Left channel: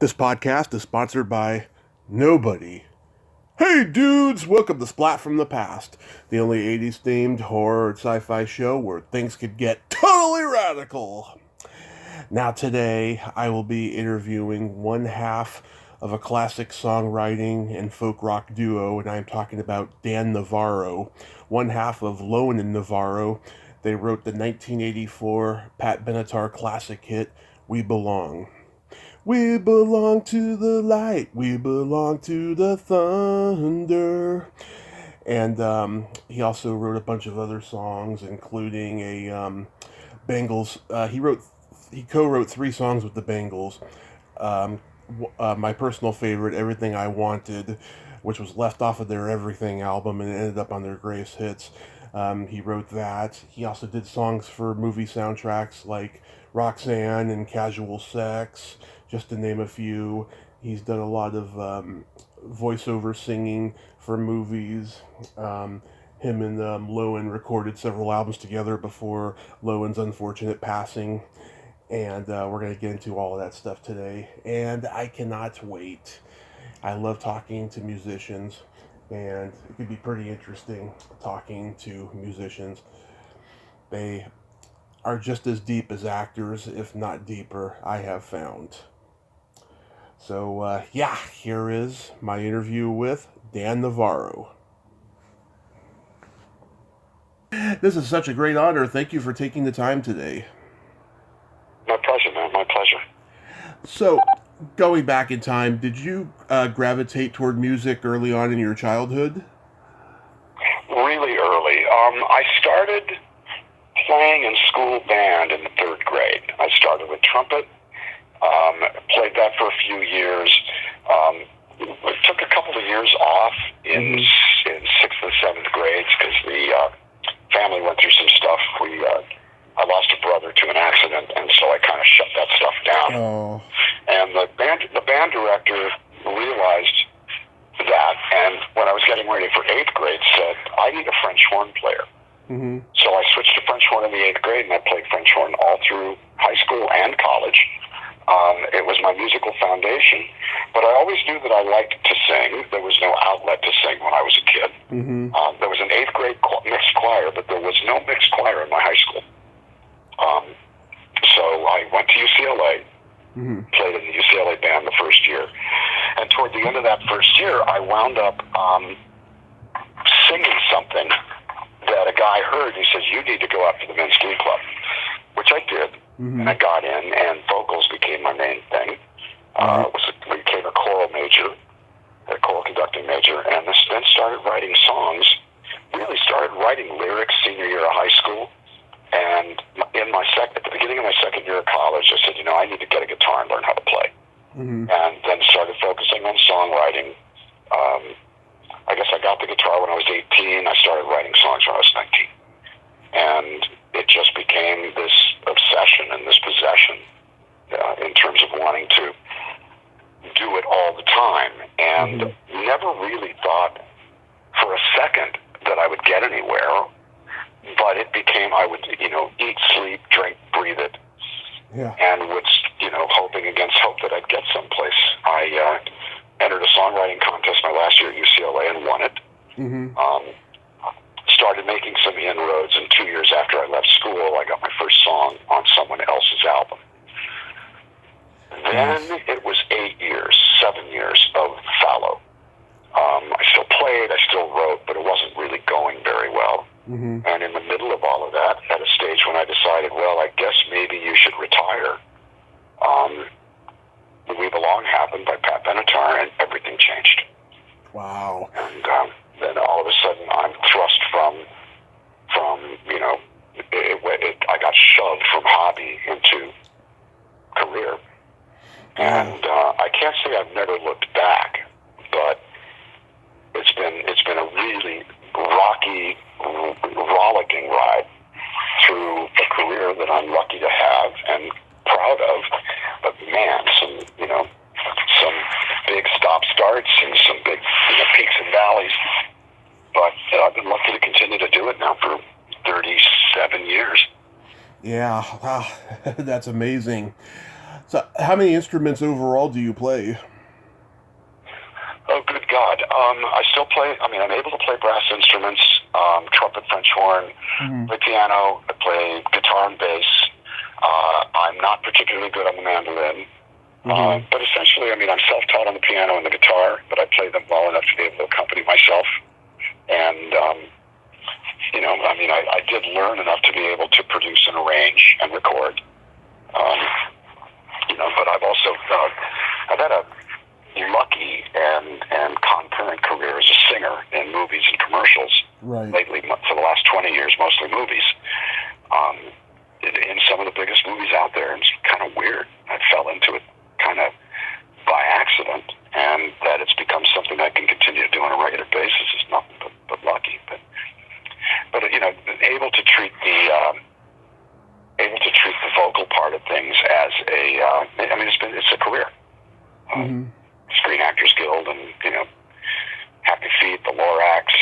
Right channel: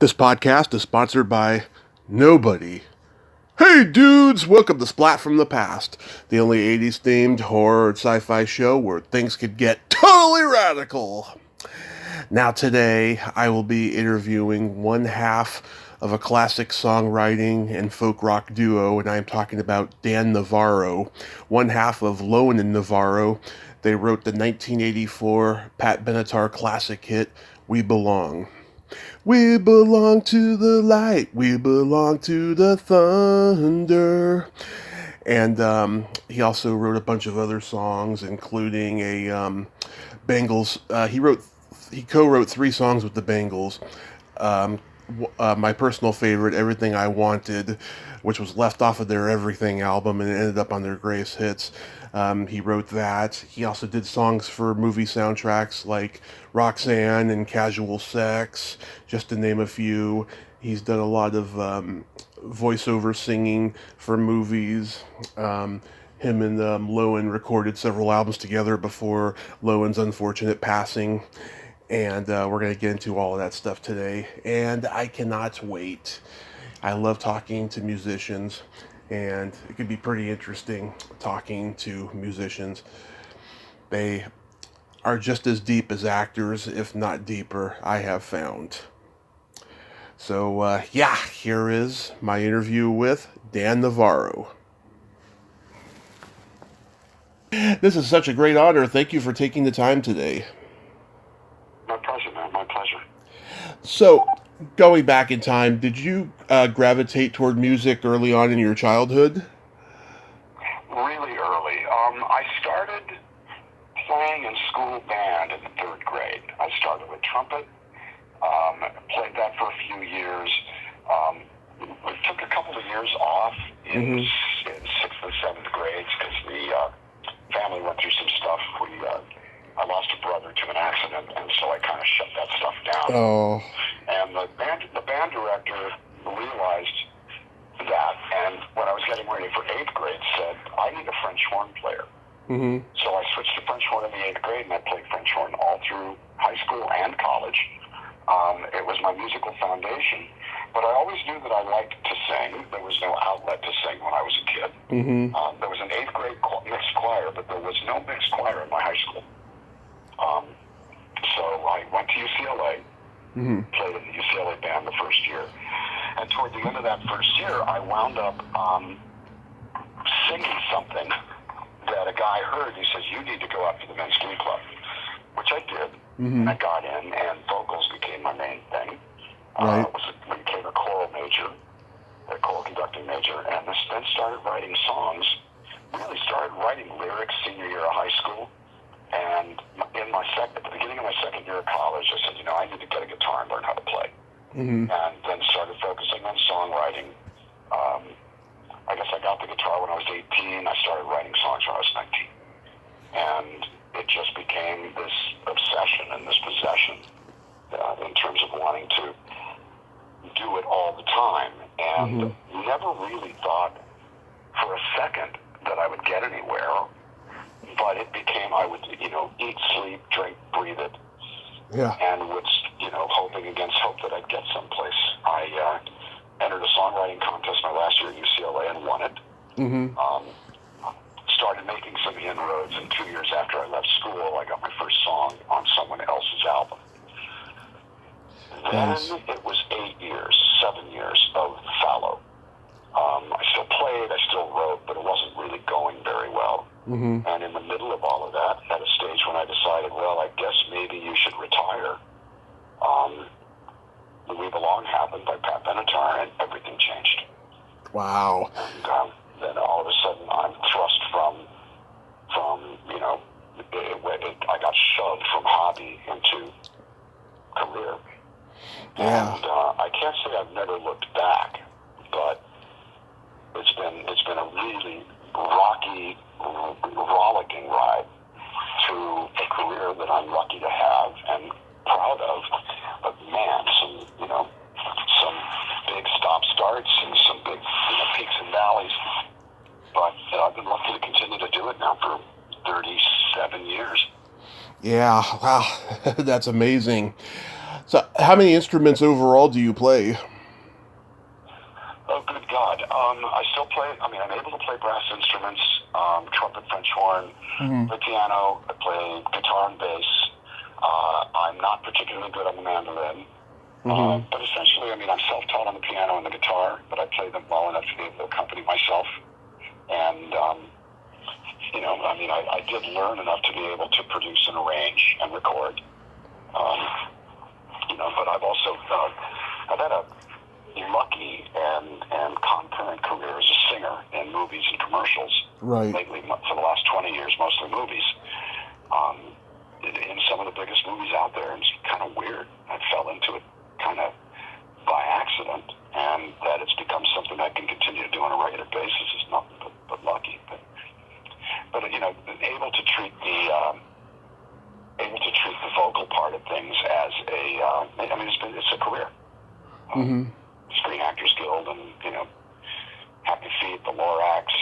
This podcast is sponsored by nobody. Hey dudes, welcome to Splat from the Past, the only 80s themed horror and sci-fi show where things could get totally radical. Now today, I will be interviewing one half of a classic songwriting and folk rock duo, and I am talking about Dan Navarro, one half of Lowen Navarro. They wrote the 1984 Pat Benatar classic hit, We Belong. We belong to the light, we belong to the thunder. And he also wrote a bunch of other songs, including a Bengals. He co-wrote 3 songs with the Bengals. My personal favorite, Everything I Wanted, which was left off of their Everything album and ended up on their greatest hits. He wrote that. He also did songs for movie soundtracks like Roxanne and Casual Sex, just to name a few. He's done a lot of voiceover singing for movies. Him and Lewin recorded several albums together before Lewin's unfortunate passing. And we're going to get into all of that stuff today. And I cannot wait. I love talking to musicians, and it could be pretty interesting talking to musicians. They are just as deep as actors, if not deeper, I have found. So, here is my interview with Dan Navarro. This is such a great honor. Thank you for taking the time today. My pleasure, man. My pleasure. So, going back in time, did you gravitate toward music early on in your childhood? Really early. I started playing in school band in the 3rd grade. I started with trumpet, played that for a few years. It took a couple of years off in 6th and 7th grades because the family went through some stuff. I lost a brother to an accident, and so I kind of shut that stuff down. Oh. And the band director realized that, and when I was getting ready for 8th grade, said, I need a French horn player. Mm-hmm. So I switched to French horn in the 8th grade, and I played French horn all through high school and college. It was my musical foundation, but I always knew that I liked to sing. There was no outlet to sing when I was a kid. Mm-hmm. There was an 8th grade mixed choir, but there was no mixed choir in my high school. So I went to UCLA, played in the UCLA band the first year, and toward the end of that first year, I wound up singing something that a guy heard. He says, you need to go out to the men's glee club, which I did, and I got in, and vocals became my main thing. Right. Became a choral major, a choral conducting major, and then started writing songs, really started writing lyrics senior year of high school. And at the beginning of my 2nd year of college, I said, I need to get a guitar and learn how to play. And then started focusing on songwriting. I guess I got the guitar when I was 18. I started writing songs when I was 19. And it just became this obsession and this possession in terms of wanting to do it all the time. And never really thought for a second that I would get anywhere. But it became, I would, eat, sleep, drink, breathe it. Yeah. And was, hoping against hope that I'd get someplace. I entered a songwriting contest my last year at UCLA and won it. Started making some inroads, and 2 years after I left school, I got my first song on someone else's album. Then it was 7 years of fallow. I still played, I still wrote, but it wasn't really going very well. And in the middle of all of that, at a stage when I decided, well, I guess maybe you should retire, We Belong happened by Pat Benatar, and everything changed. Wow. And then all of a sudden, I'm thrust from I got shoved from hobby into career. Yeah. And I can't say I've never looked back, but it's been a really rocky, rollicking ride through a career that I'm lucky to have and proud of. But man, some big stop-starts and some big peaks and valleys. But I've been lucky to continue to do it now for 37 years. Yeah, wow, that's amazing. So, how many instruments overall do you play? Oh, good God. I still play, I'm able to play brass instruments, trumpet, French horn, Mm-hmm. play piano, I play guitar and bass. I'm not particularly good on the mandolin. Mm-hmm. But essentially, I'm self-taught on the piano and the guitar, but I play them well enough to be able to accompany myself. And, I did learn enough to be able to produce and arrange and record. But I've also, I've had a lucky and concurrent career as a singer in movies and commercials. Right. Lately, for the last 20 years, mostly movies. In some of the biggest movies out there, and it's kind of weird. I fell into it kind of by accident, and that it's become something I can continue to do on a regular basis is nothing but lucky. But able to treat the vocal part of things as it's a career. Mm-hmm. Screen Actors Guild, and Happy Feet, the Lorax,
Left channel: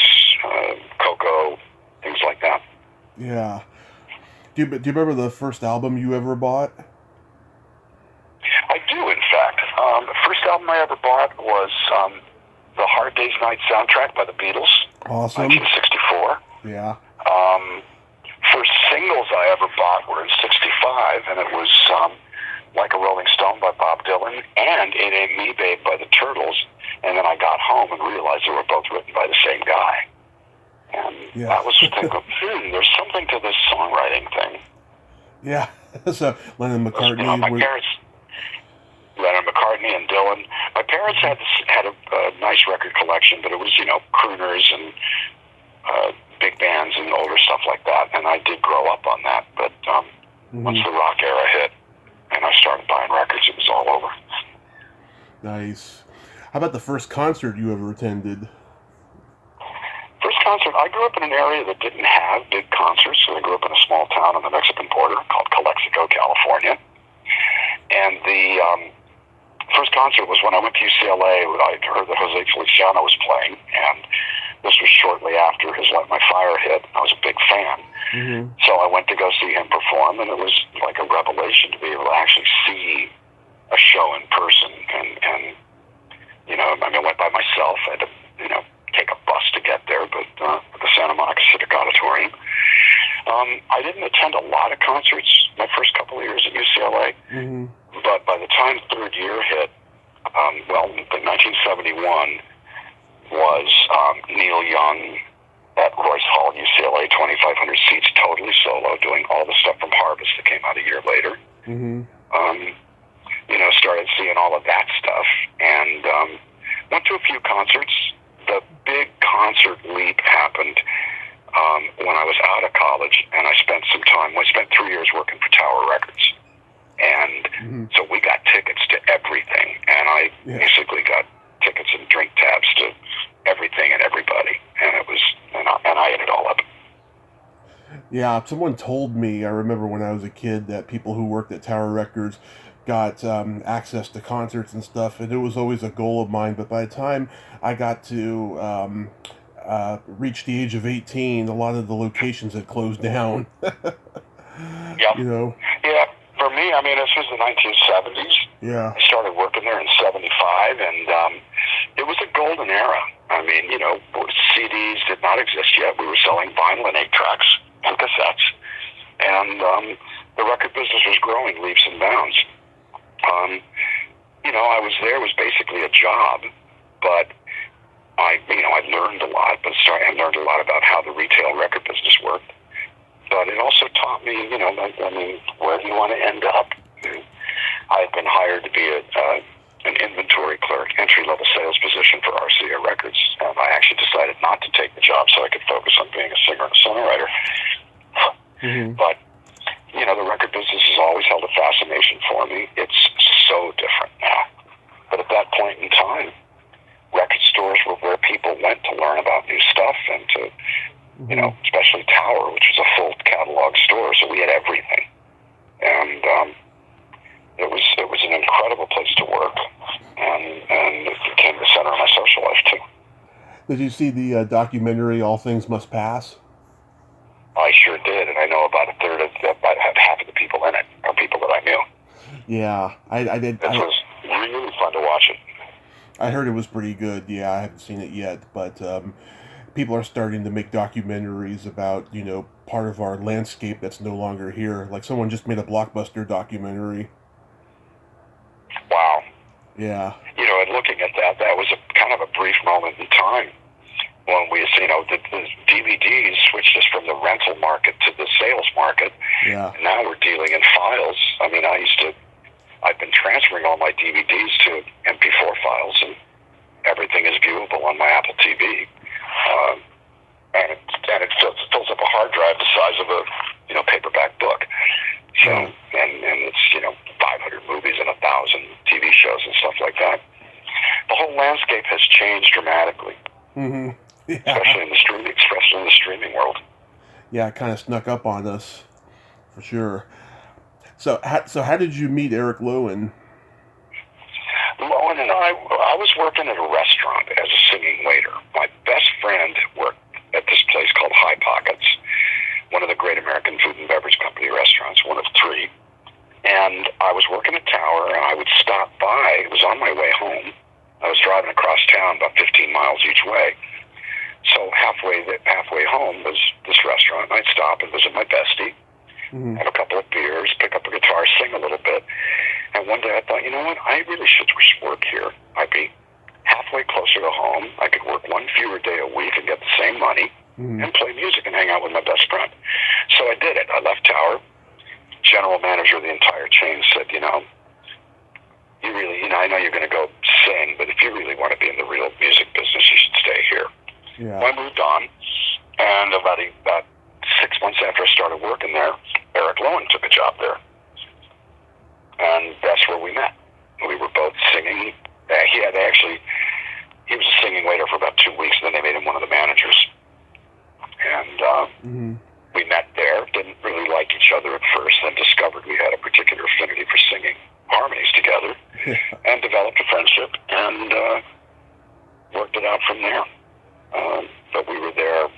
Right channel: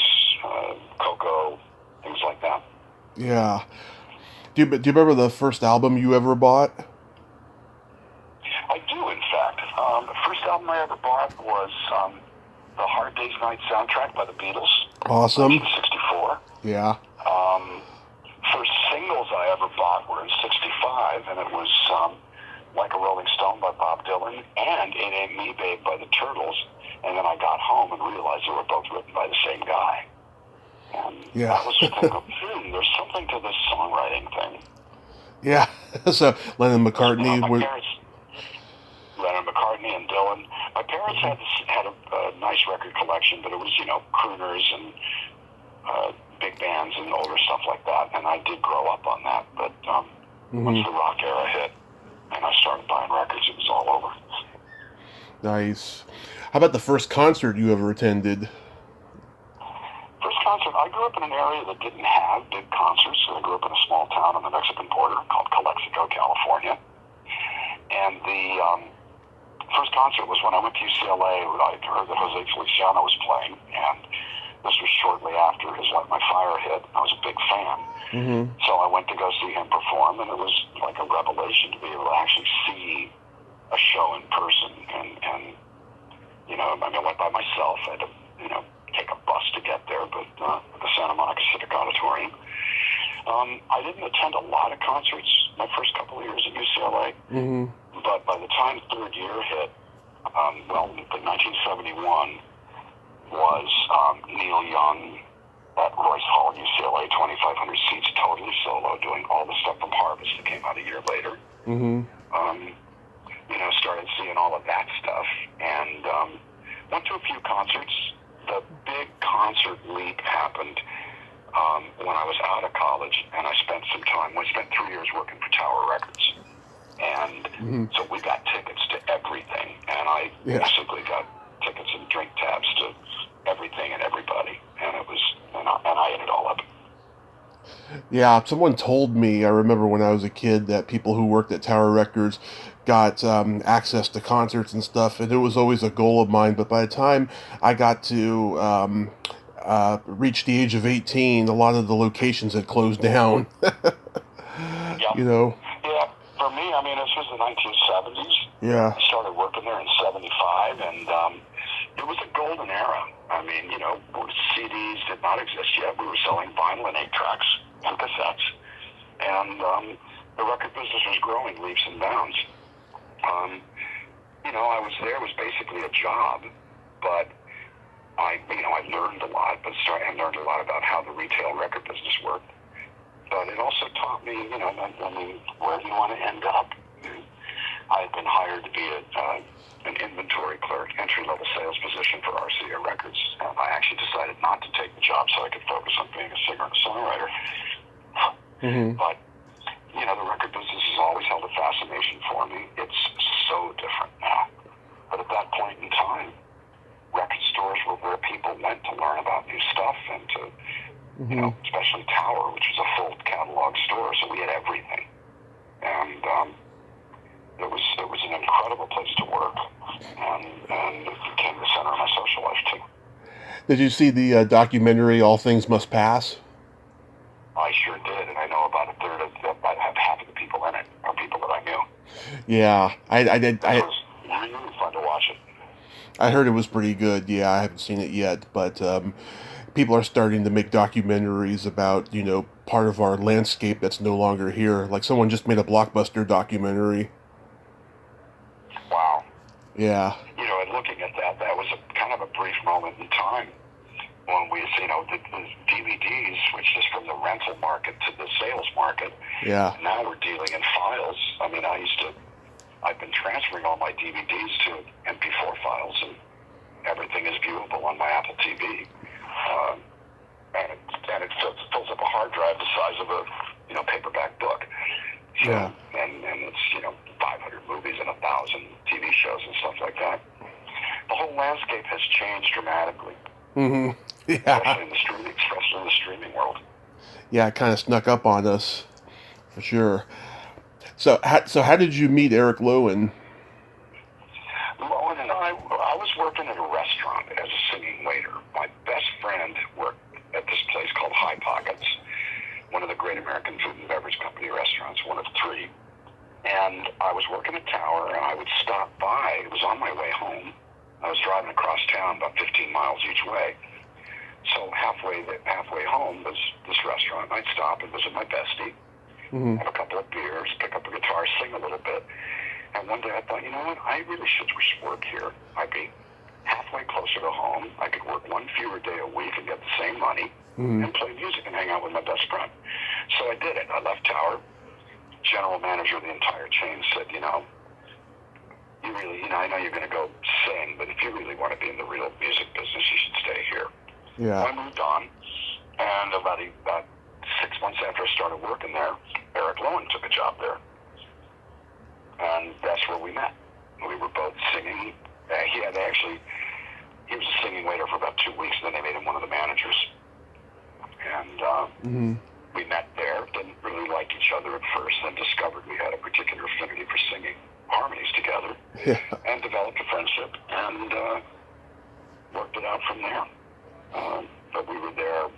Coco, things like that. Yeah. Do you remember the first album you ever bought? I do, in fact. The first album I ever bought was the Hard Day's Night soundtrack by the Beatles, Awesome. 1964. Yeah. First singles I ever bought were in '65, and it was Like a Rolling Stone by Bob Dylan and It Ain't Me Babe by the Turtles. And then I got home and realized they were both written by the same guy. And Yeah. I was thinking, there's something to this songwriting thing. Yeah. So Lennon McCartney. My parents, Leonard McCartney and Dylan. My parents had a nice record collection, but it was crooners and big bands and older stuff like that. And I did grow up on that. But once the rock era hit and I started buying records, it was all over. Nice. How about the first concert you ever attended? First concert, I grew up in an area that didn't have big concerts. So I grew up in a small town on the Mexican border called Calexico, California. And the first concert was when I went to UCLA. I heard that Jose Feliciano was playing, and this was shortly after his Light My Fire hit. I was a big fan. Mm-hmm. So I went to go see him perform, and it was like a revelation to be able to actually see a show in person. And I went by myself. I had to, take a bus to get there, but the Santa Monica Civic Auditorium. I didn't attend a lot of concerts my first couple of years at UCLA, but by the time third year hit, 1971 was Neil Young at Royce Hall, UCLA, 2,500 seats, totally solo, doing all the stuff from Harvest that came out a year later. Started seeing all of that stuff, and went to a few concerts. The big concert leap happened when I was out of college, and I spent 3 years working for Tower Records. And so we got tickets to everything, and I basically got tickets and drink tabs to everything and everybody, and I ate it all up. Yeah, someone told me, I remember when I was a kid, that people who worked at Tower Records got access to concerts and stuff, and it was always a goal of mine, but by the time I got to reach the age of 18, a lot of the locations had closed down. Yeah. Yeah, for me, this was the 1970s. Yeah. I started working there in 75, and it was a golden era. CDs did not exist yet. We were selling vinyl and 8-tracks and cassettes, and the record business was growing leaps and bounds. I was there, it was basically a job, but I learned a lot, I learned a lot about how the retail record business worked. But it also taught me, where do you want to end up? I've been hired to be an inventory clerk, entry-level sales position for RCA Records. I actually decided not to take the job so I could focus on being a singer and a songwriter. But, the record business has always held a fascination for me. It's so different now. But at that point in time, record stores were where people went to learn about new stuff and to, especially Tower, which was a full catalog store, so we had everything. And it was an incredible place to work, and it became the center of my social life, too. Did you see the documentary All Things Must Pass? I sure did, and I know about half of the people in it are people that I knew. Yeah, I did. It was really fun to watch it. I heard it was pretty good. Yeah, I haven't seen it yet, but people are starting to make documentaries about, part of our landscape that's no longer here. Like someone just made a blockbuster documentary. Wow. Yeah. And looking at that, that was a kind of a brief moment in time when we, the DVDs switched us from the rental market to the sales market. Yeah. Now we're dealing in files. I mean, I've been transferring all my DVDs to MP4 files, and everything is viewable on my Apple TV. And it fills up a hard drive the size of a, paperback book. So, Yeah. and it's, 500 movies and 1,000 TV shows and stuff like that. The whole landscape has changed dramatically. Mm-hmm. Yeah. Especially in the streaming world. Yeah, it kind of snuck up on us, for sure. So how did you meet Eric Lowen? Lowen and I was working at a restaurant as a singing waiter. My best friend worked at this place called High Pockets, one of the great American food and beverage company restaurants, one of 3. And I was working at Tower, and I would stop by. It was on my way home. I was driving across town about 15 miles each way. So halfway home was this restaurant, and I'd stop and visit my bestie, have a couple of beers, pick up a guitar, sing a little bit. And one day I thought, you know what, I really should work here. I'd be halfway closer to home. I could work one fewer day a week and get the same money and play music and hang out with my best friend. So I did it. I left Tower. General manager of the entire chain said, you really, I know you're going to go sing, but if you really want to be in the real music business, you should stay here. Yeah. I moved on, and about 6 months after I started working there, Eric Lowen took a job there. And that's where we met. We were both singing. He was a singing waiter for about 2 weeks, and then they made him one of the managers. And we met there, didn't really like each other at first, then discovered we had a particular affinity for singing harmonies together, and developed a friendship, and worked it out from there. But we were there,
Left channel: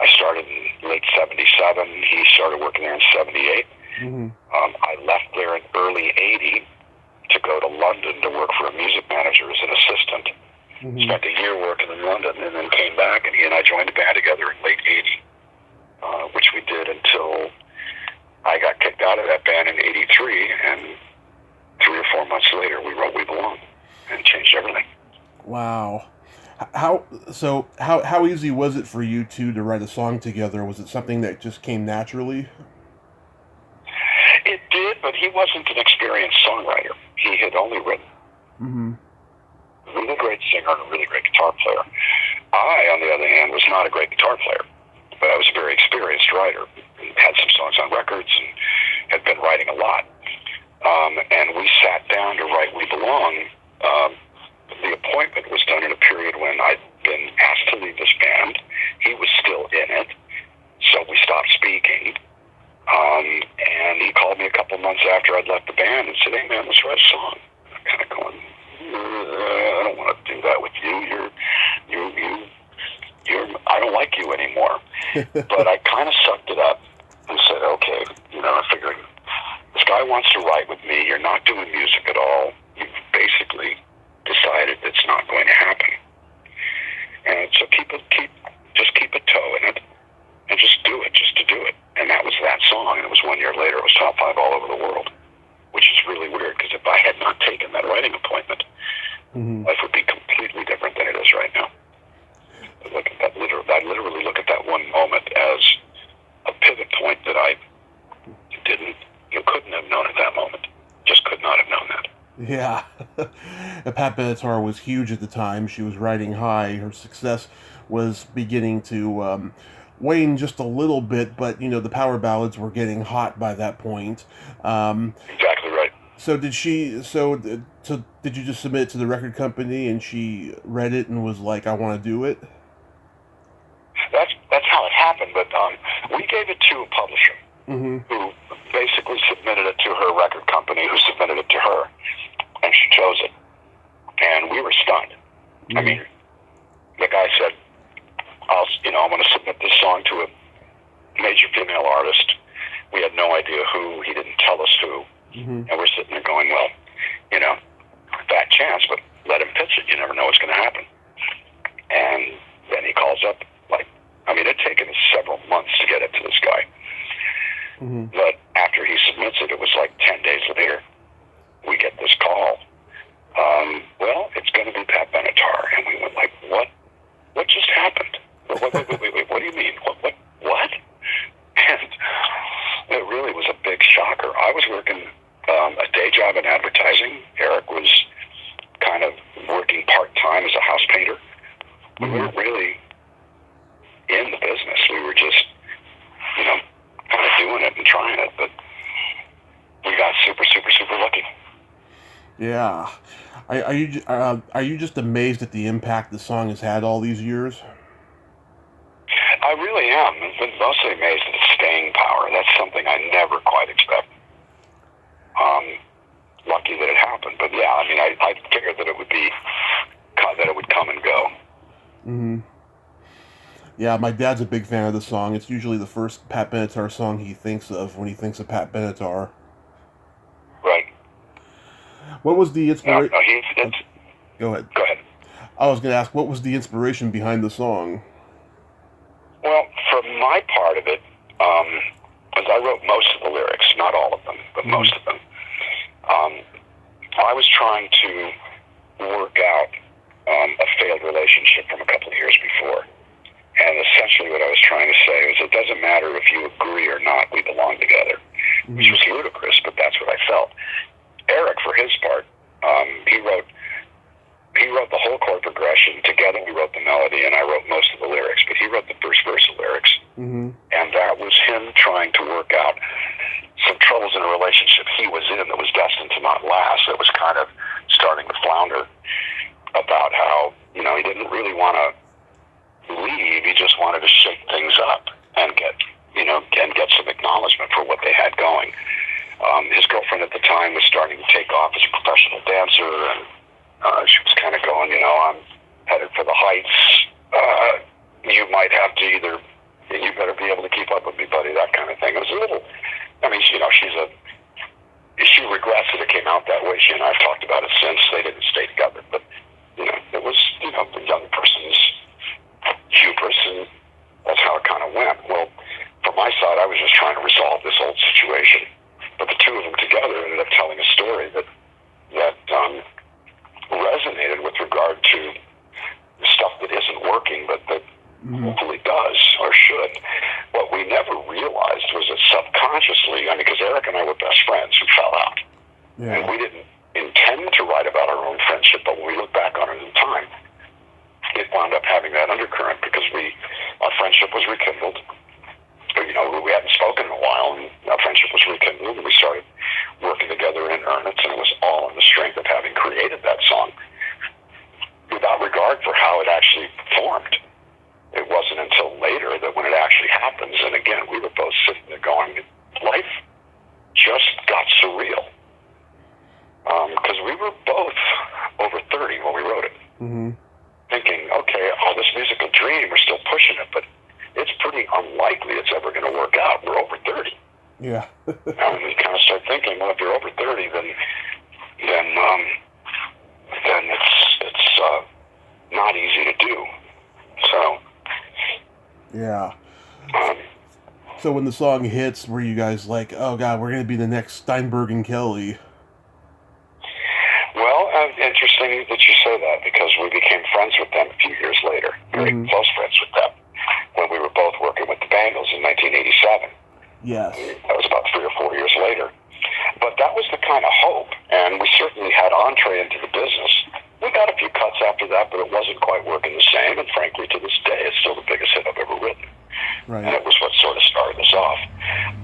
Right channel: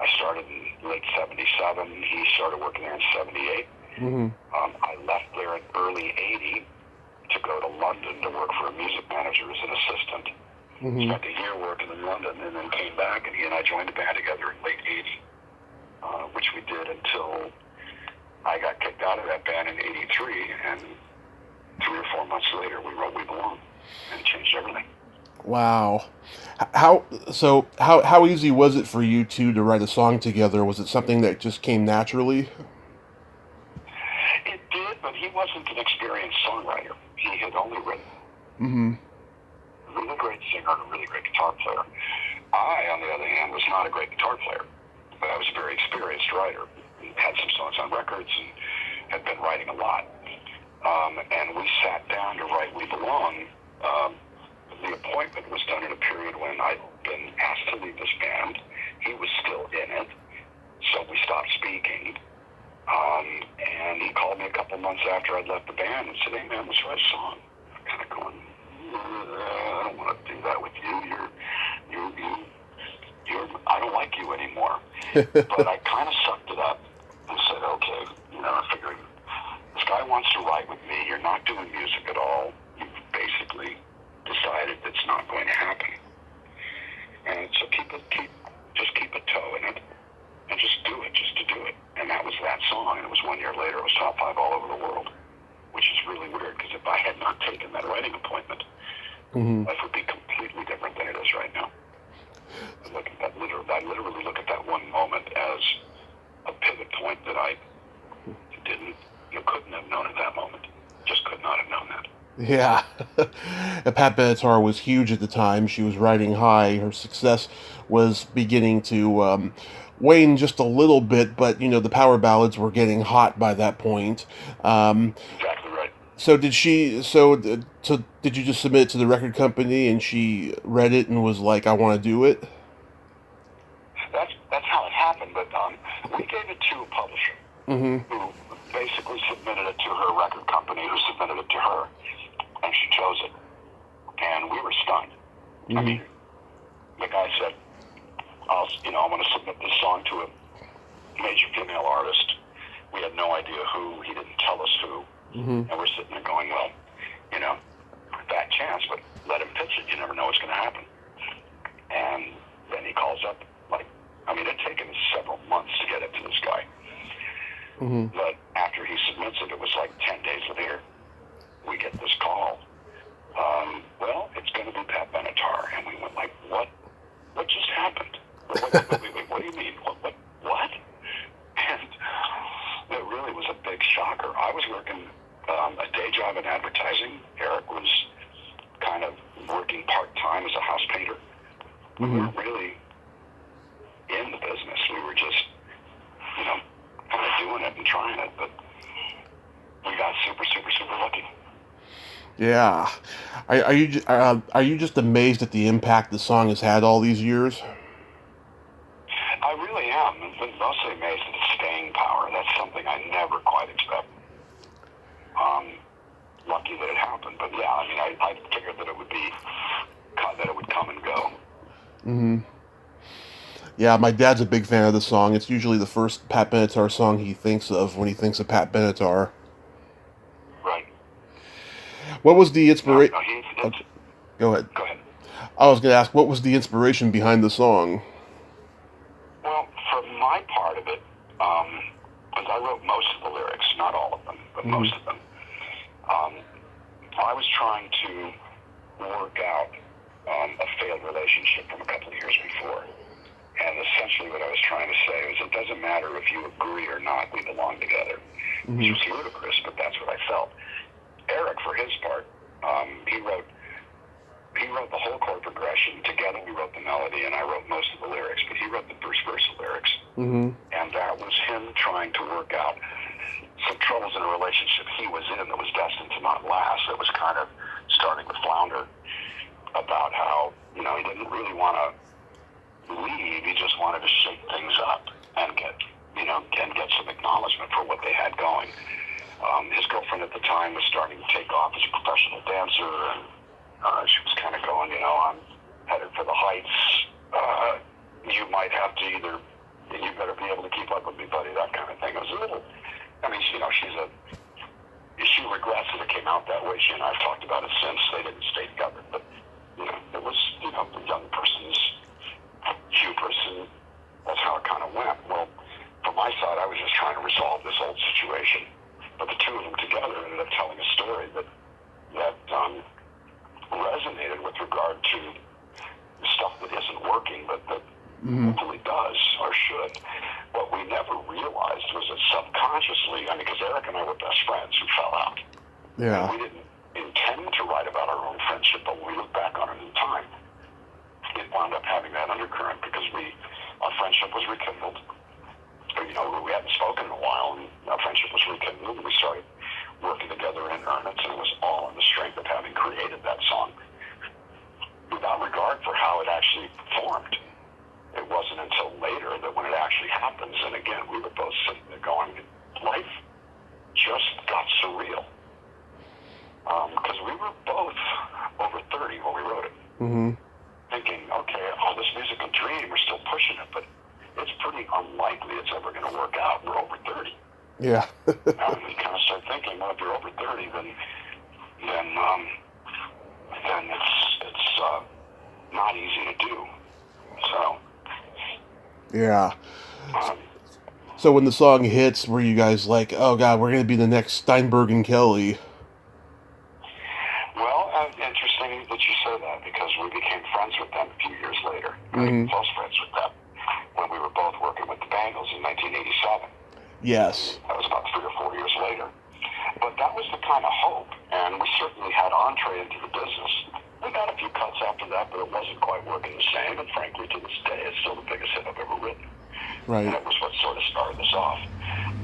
I started in late 77. He started working there in 78. I left there in early 80 to go to London to work for a music manager as an assistant. Spent a year working in London, and then came back, and he and I joined a band together in late 80, which we did until I got kicked out of that band in 83, and 3 or 4 months later we wrote We Belong, and changed everything. Wow. How easy was it for you two to write a song together? Was it something that just came naturally? It did, but he wasn't an experienced songwriter. He had only written. A really great singer and a really great guitar player. I, on the other hand, was not a great guitar player, but I was a very experienced writer. Had some songs on records and had been writing a lot. And we sat down to write We Belong. The appointment was done in a period when I'd been asked to leave this band. He was still in it, so we stopped speaking. And he called me a couple months after I'd left the band and said, "Hey man, let's write a song." I'm kind of going, I don't want to do that with you. I don't like you anymore. But I kind of sucked it up and said, okay, I figured this guy wants to write with me. You're not doing music at all. You've basically decided it's not going to happen. And so just keep a toe in it and just do it, just to do it. And that was that song. And it was 1 year later, it was top 5 all over the world, which is really weird because if I had not taken that writing appointment, life would be completely different than it is right now. I literally look at that one moment as a pivot point that I couldn't have known at that moment. Just could not have known that. Yeah. Pat Benatar was huge at the time. She was riding high. Her success was beginning to wane just a little bit, but, the power ballads were getting hot by that point. Exactly right. So did you just submit it to the record company and she read it and was like, I want to do it? That's how it happened, but we gave it to a publisher who basically submitted it to her record company, who submitted it to her, and she chose it. And we were stunned. I mean, the guy said, I'm going to submit this song to a major female artist. We had no idea who. He didn't tell us who. Mm-hmm. And we're sitting there going, well, you know, fat chance, but let him pitch it. You never know what's going to happen. And then he calls up, it had taken several months to get it to this guy. Mm-hmm. But after he submits it, it was 10 days later, we get this call. Well, it's going to be Pat Benatar. And we went what? What just happened? Wait, what do you mean? What? And it really was a big shocker. I was working a day job in advertising. Eric was kind of working part-time as a house painter. Mm-hmm. We weren't really in the business. We were just, kind of doing it and trying it, but we got super, super, super lucky. Yeah. Are you just amazed at the impact the song has had all these years? I really am. I'm mostly amazed at its staying power. That's something I never quite expected. Lucky that it happened, but yeah, I figured that it would come and go. Mm-hmm. Yeah, my dad's a big fan of the song. It's usually the first Pat Benatar song he thinks of when he thinks of Pat Benatar. Right. What was the inspiration? No, Go ahead. Go ahead. I was going to ask, what was the inspiration behind the song? Well, for my part of it, because I wrote most of the lyrics, not all of them, but most of them, I was trying to work out a failed relationship from a couple of years before. And essentially what I was trying to say was it doesn't matter if you agree or not, we belong together. Mm-hmm. Which was ludicrous, but that's what I felt. Eric, for his part, he wrote the whole chord progression. Together we wrote the melody, and I wrote most of the lyrics, but he wrote the first verse of lyrics. Mm-hmm. And that was him trying to work out some troubles in a relationship he was in that was destined to not last. That was kind of starting to flounder, about how, he didn't really want to leave. He just wanted to shake things up and get some acknowledgement for what they had going. His girlfriend at the time was starting to take off as a professional dancer, and she was kind of going, I'm headed for the heights. You might have to you better be able to keep up with me, buddy, that kind of thing. It was a little, she regrets that it came out that way. She and I have talked about it since. They didn't stay together, but, it was, the young person's hubris, and that's how it kind of went. Well, from my side, I was just trying to resolve this old situation, but the two of them together ended up telling a story that resonated with regard to the stuff that isn't working, but that hopefully does or should. What we never realized was that subconsciously, because Eric and I were best friends who fell out, and we didn't intend to write about our own friendship, but when we look back on it in time, it wound up having that undercurrent because our friendship was rekindled. We hadn't spoken in a while, and our friendship was rekindled, and we started working together in earnest, and it was all on the strength of having created that song without regard for how it actually performed. It wasn't until later that when it actually happens, and again, we were both sitting there going, life just got surreal. Because we were both over 30 when we wrote it. Mm-hmm. Thinking, okay, this musical dream, we're still pushing it, but it's pretty unlikely it's ever going to work out. We're over 30. Yeah. And we kind of start thinking, well, if you're over 30, then it's not easy to do. So. Yeah. So when the song hits, were you guys like, oh God, we're going to be the next Steinberg and Kelly? Well, interesting that you say that, because we became friends with them a few years later, very close friends with them, when we were both working with the Bengals in 1987. Yes. That was about 3 or 4 years later. But that was the kind of hope, and we certainly had entree into the business. We got a few cuts after that, but it wasn't quite working the same, and frankly, to this day, it's still the biggest hit I've ever written. Right. And it was what sort of started us off.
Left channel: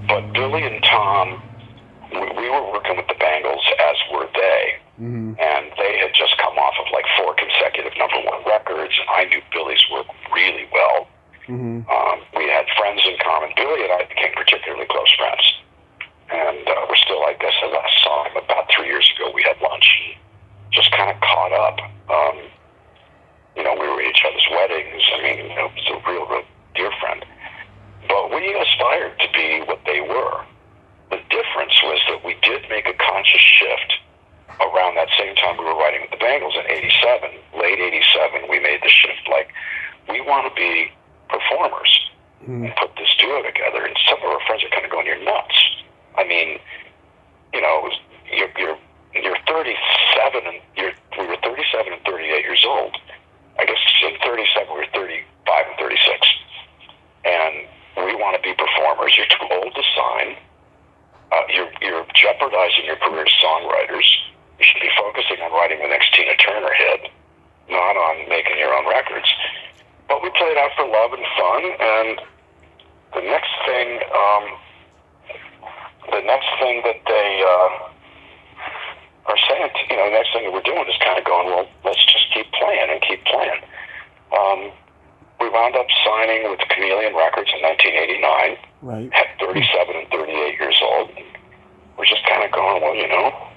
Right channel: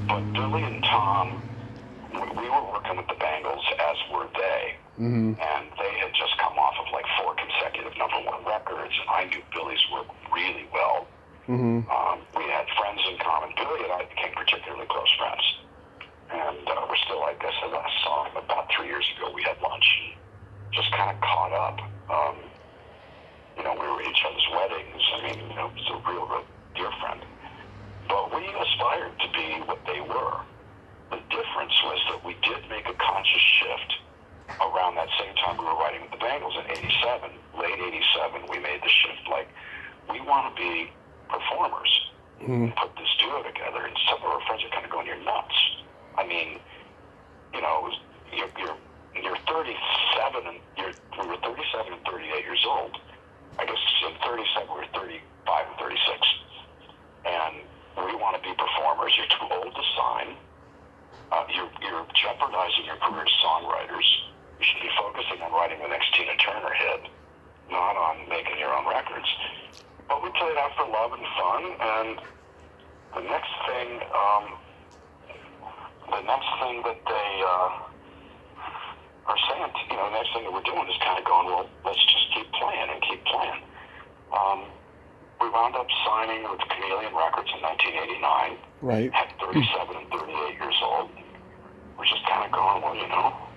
But Billy and Tom, we were working with the Bengals, as were they. Mm-hmm. And they had just come off of 4 consecutive #1 records, and I knew Billy's work really well. Mm-hmm. We had friends in common. Billy and I became particularly close friends. And we're still, I guess, I last saw him about 3 years ago. We had lunch and just kind of caught up. We were at each other's weddings. It was a real, real dear friend. But we aspired to be what they were. The difference difference was that we did make a conscious shift around that same time we were writing with the Bengals in 87, late 87, we made the shift, like, we want to be performers and put this duo together. And some of our friends are kind of going, you're nuts. I mean, you know, you're 37 and we were 37 and 38 years old. I guess in 37 we were 35 and 36. And we want to be performers. You're too old to sign. You're jeopardizing your career as songwriters. You should be focusing on writing the next Tina Turner hit, not on making your own records. But we played out for love and fun, and the next thing that they are saying, you know, the next thing that we're doing is kind of going, well, let's just keep playing and keep playing. We wound up signing with Chameleon Records in 1989. Right. At 37 and 38 years old. We're just kind of going, well, you know,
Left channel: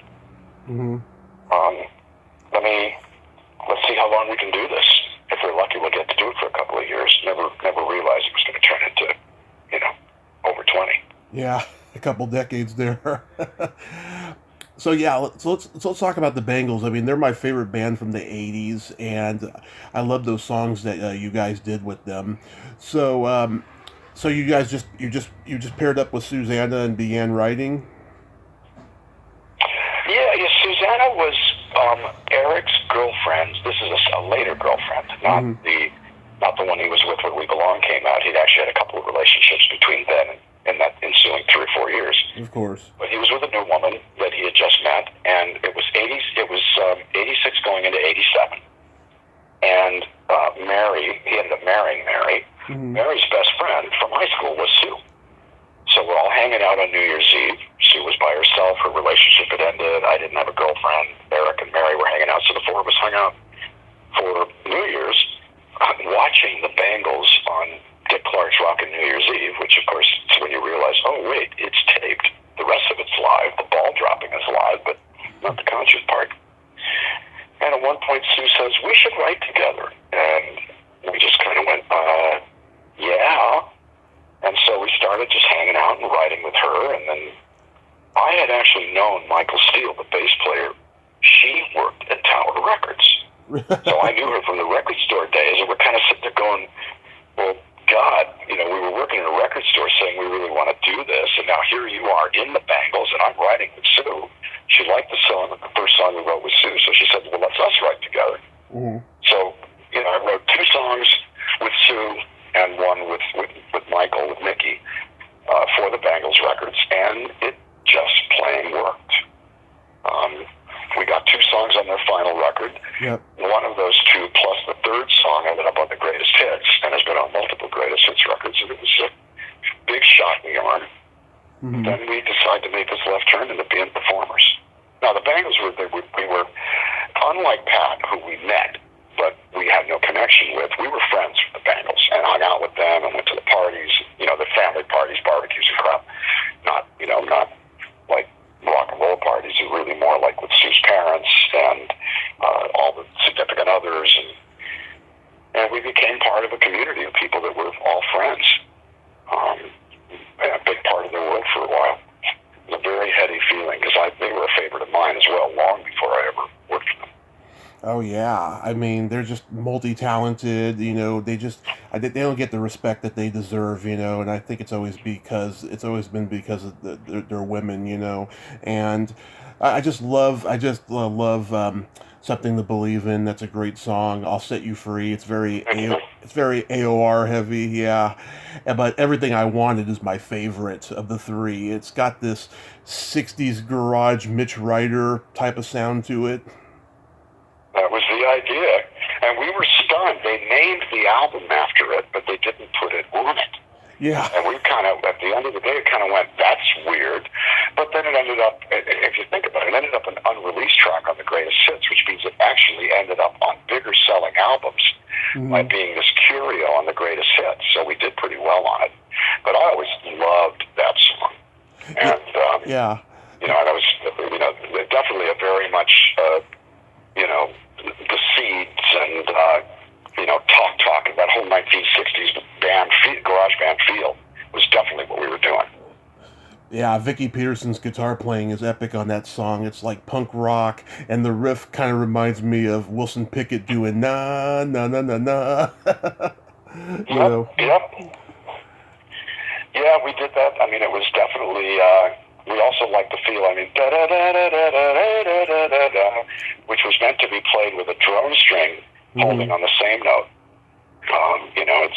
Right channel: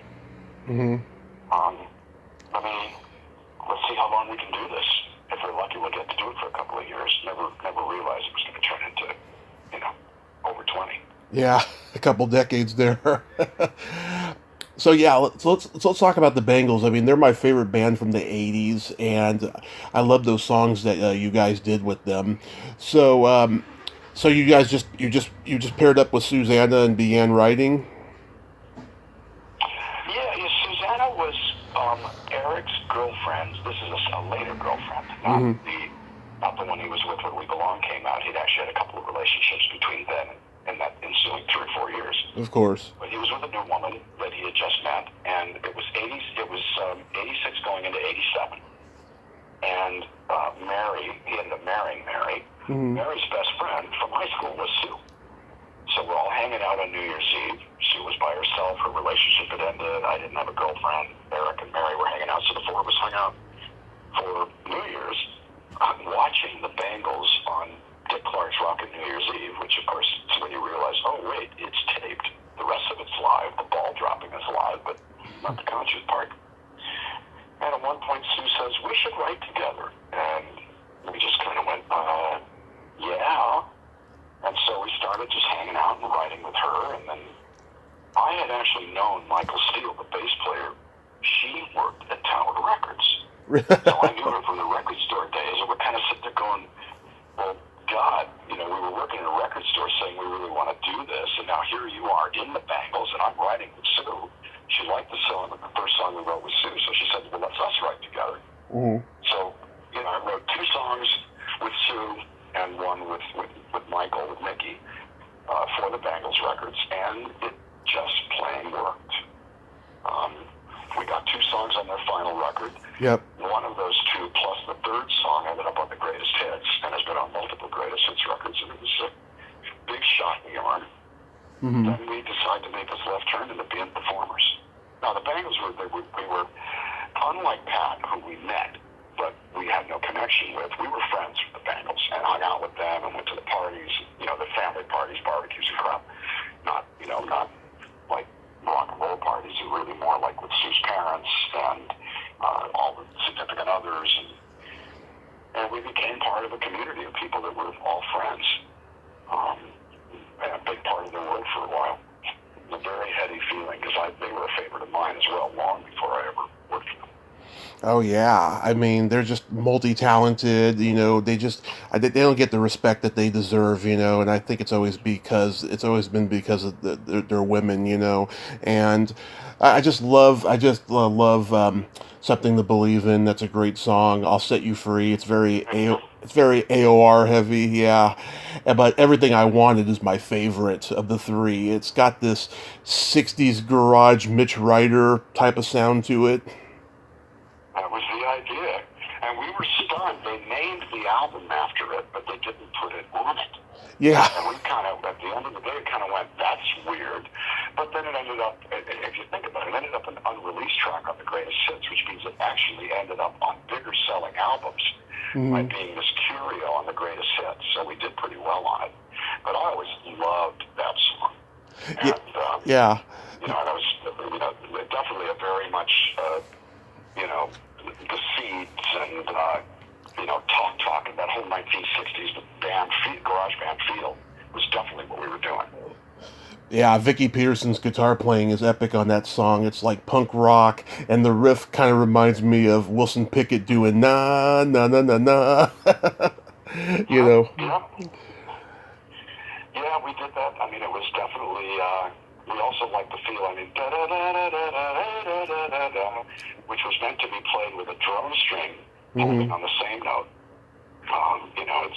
let's see how long we can do this. If we're lucky, we'll get to do it for a couple of years. Never realized it was going to turn into, you know, over 20. Yeah, a couple decades there. So yeah, let's talk about the Bengals. I mean, they're my favorite band from the '80s, and I love those songs that you guys did with them. So, so you guys just paired up with Susanna and began writing. Yeah, Susanna was Eric's girlfriend. This is a later girlfriend, not the one he was with when We Belong came out. He'd actually had a couple of relationships between then and that ensuing 3 or 4 years. Of course. But he was with a new woman that he had just met, and it was 86 going into 87. And Mary, he ended up marrying Mary. Mary's best friend from high school was Sue. So we're all hanging out on New Year's Eve. Sue was by herself. Her relationship had ended. I didn't have a girlfriend. Eric and Mary were hanging out. So the four of us hung out for New Year's, watching the Bengals on Dick Clark's Rockin' New Year's Eve, which, of course, is when you realize, oh, wait, it's taped. The rest of it's live. The ball dropping is live, but not the concert part. And at one point, Sue says, we should write together. And we just kind of went, yeah. And so we started just hanging out and writing with her. And then I had actually known Michael Steele, the bass player. She worked at Tower Records. So I knew her from the record store days. And we're kind of sitting there going, well, God, you know, we were working in a record store saying we really want to do this. And now here you are in the Bengals, and I'm writing with Sue. She liked the song, the first song we wrote with Sue. So she said, well, let's us write together. So, you know, I wrote 2 songs with Sue and one with Michael, with Mickey, for the Bengals records, and it just plain worked. We got 2 songs on their final record. Yep. One of those 2 plus the third song ended up on the greatest hits and has been on multiple greatest hits records. And it was a big shot in the arm. Then we decided to make this left turn into being performers. Now the Bengals we were unlike Pat, who we met, but we had no connection with. We were friends with the Bengals and hung out with them and went to the parties, you know, the family parties, barbecues and crap. Not like rock and roll parties, and really more like with Sue's parents and all the significant others. And we became part of a community of people that were all friends. And a big part of their world for a while. It was a very heady feeling because they were a favorite of mine as well, long before I ever worked for them. Oh yeah, I mean they're just multi-talented. You know, they don't get the respect that they deserve. You know, and I think it's always been because of they're women. You know, and I just love Something to Believe In. That's a great song. I'll Set You Free. It's very AOR heavy. Yeah, but Everything I Wanted is my favorite of the 3. It's got this 60s garage Mitch Ryder type of sound to it. That was the idea. And we were stunned. They named the album after it, but they didn't put it on it. Yeah. And we kind of, at the end of the day, kind of went, that's weird. But then it ended up, if you think about it, it ended up an unreleased track on the greatest hits, which means it actually ended up on bigger selling albums by being this curio on the greatest hits. So we did pretty well on it. But I always loved that song. And, yeah. You know, and it was, you know, definitely a very much, you know, the Seeds and, you know, talking that whole 1960s garage band feel was definitely what we were doing. Yeah, Vicky Peterson's guitar playing is epic on that song. It's like punk rock, and the riff kind of reminds me of Wilson Pickett doing na na na na na. You Yep, know. yep. Yeah, we did that. I mean, it was definitely, we also liked the feel. I mean, da da da da da da da da da da, which was meant to be played with a drum string holding on the same note. You know,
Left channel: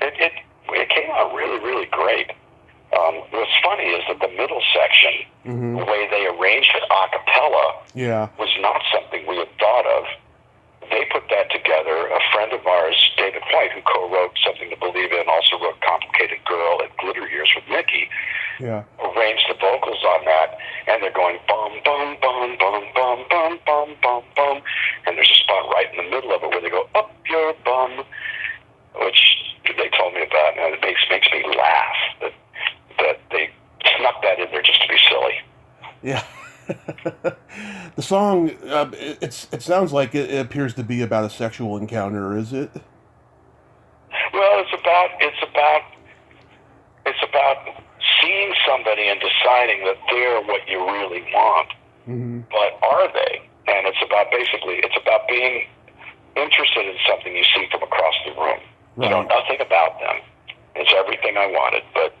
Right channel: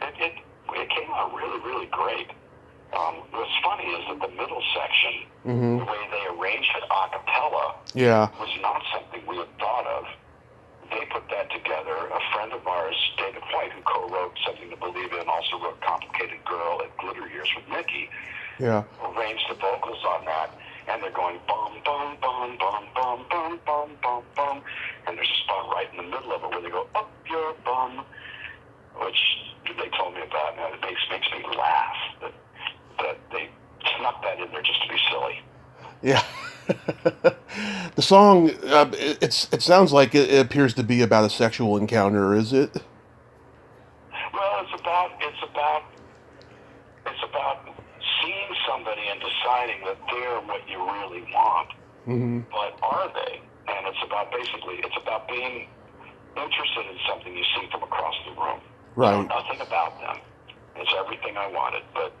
it came out really, really great. What's funny is that the middle section, the way they arranged it a cappella, was not something we had thought of. They put that together. A friend of ours, David White, who co-wrote Something to Believe In, also wrote Complicated Girl and Glitter Years with Mickey, arranged the vocals on that, and they're going bum, bum, bum, bum, bum, bum, bum, bum, bum, and there's a spot right in the middle of it where they go, up your bum, which they told me about, and it makes me laugh that they snuck that in there just to be silly. Yeah. The song, it sounds like it appears to be about a sexual encounter, is it? Well, it's about seeing somebody and deciding that they're what you really want, but are they? And it's about being interested in something you see from across the room. Right. You know nothing about them. It's everything I wanted, but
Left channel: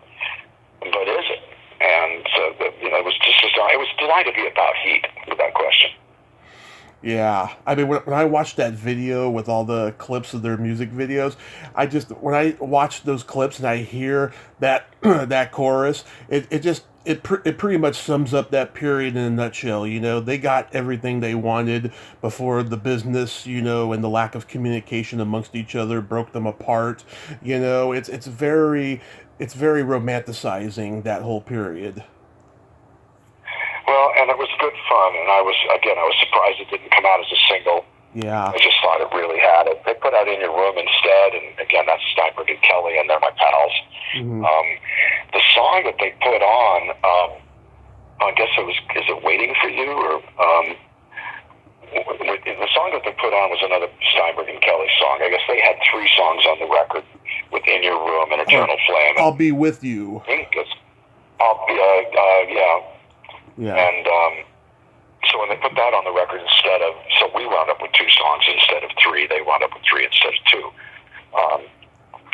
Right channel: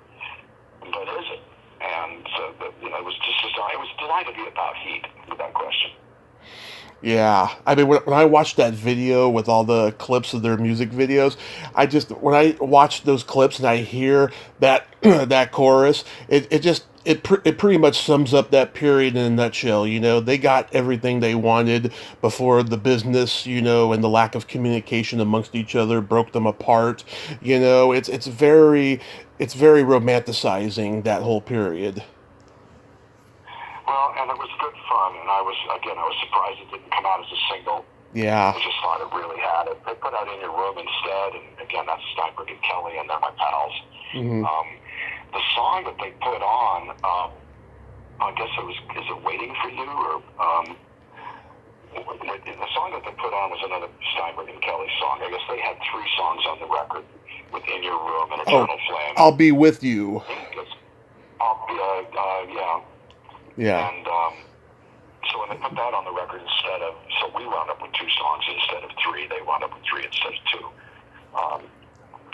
is it? And so, it was designed to be about heat, without question. Yeah, I mean, when I watched that video with all the clips of their music videos, when I watch those clips and I hear that that chorus, it pretty much sums up that period in a nutshell. You know, they got everything they wanted before the business, you know, and the lack of communication amongst each other broke them apart. You know, it's very romanticizing, that whole period. Well, and it was good fun, and I was surprised it didn't come out as a single. Yeah. I just thought it really had it. They put out In Your Room instead, and again, that's Steinberg and Kelly, and they're my pals. The song that they put on, I guess is it Waiting for You? Or the song that they put on was another Steinberg and Kelly song. I guess they had 3 songs on the record with In Your Room and Eternal Flame. I'll Be With You. Yeah. And so when they put that on the record so we wound up with 2 songs instead of 3. They wound up with 3 instead of 2.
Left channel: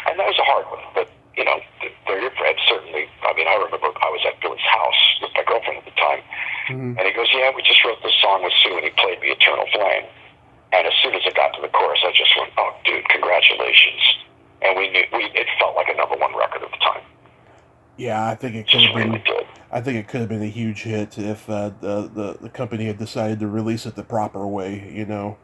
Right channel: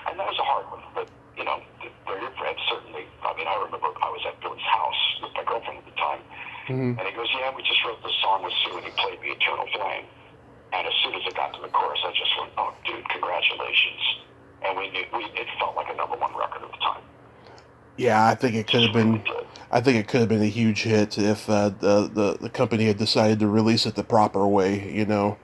And that was a hard one, but, you know, their friend certainly, I mean, I remember I was at Billy's house with my girlfriend at the time, and he goes, yeah, we just wrote this song with Sue, and he played me Eternal Flame. And as soon as it got to the chorus, I just went, oh, dude, congratulations. And we knew, it felt like a #1 record at the time. Yeah, I think it could have been. Really good. I think it could have been a huge hit if the company had decided to release it the proper way. You know.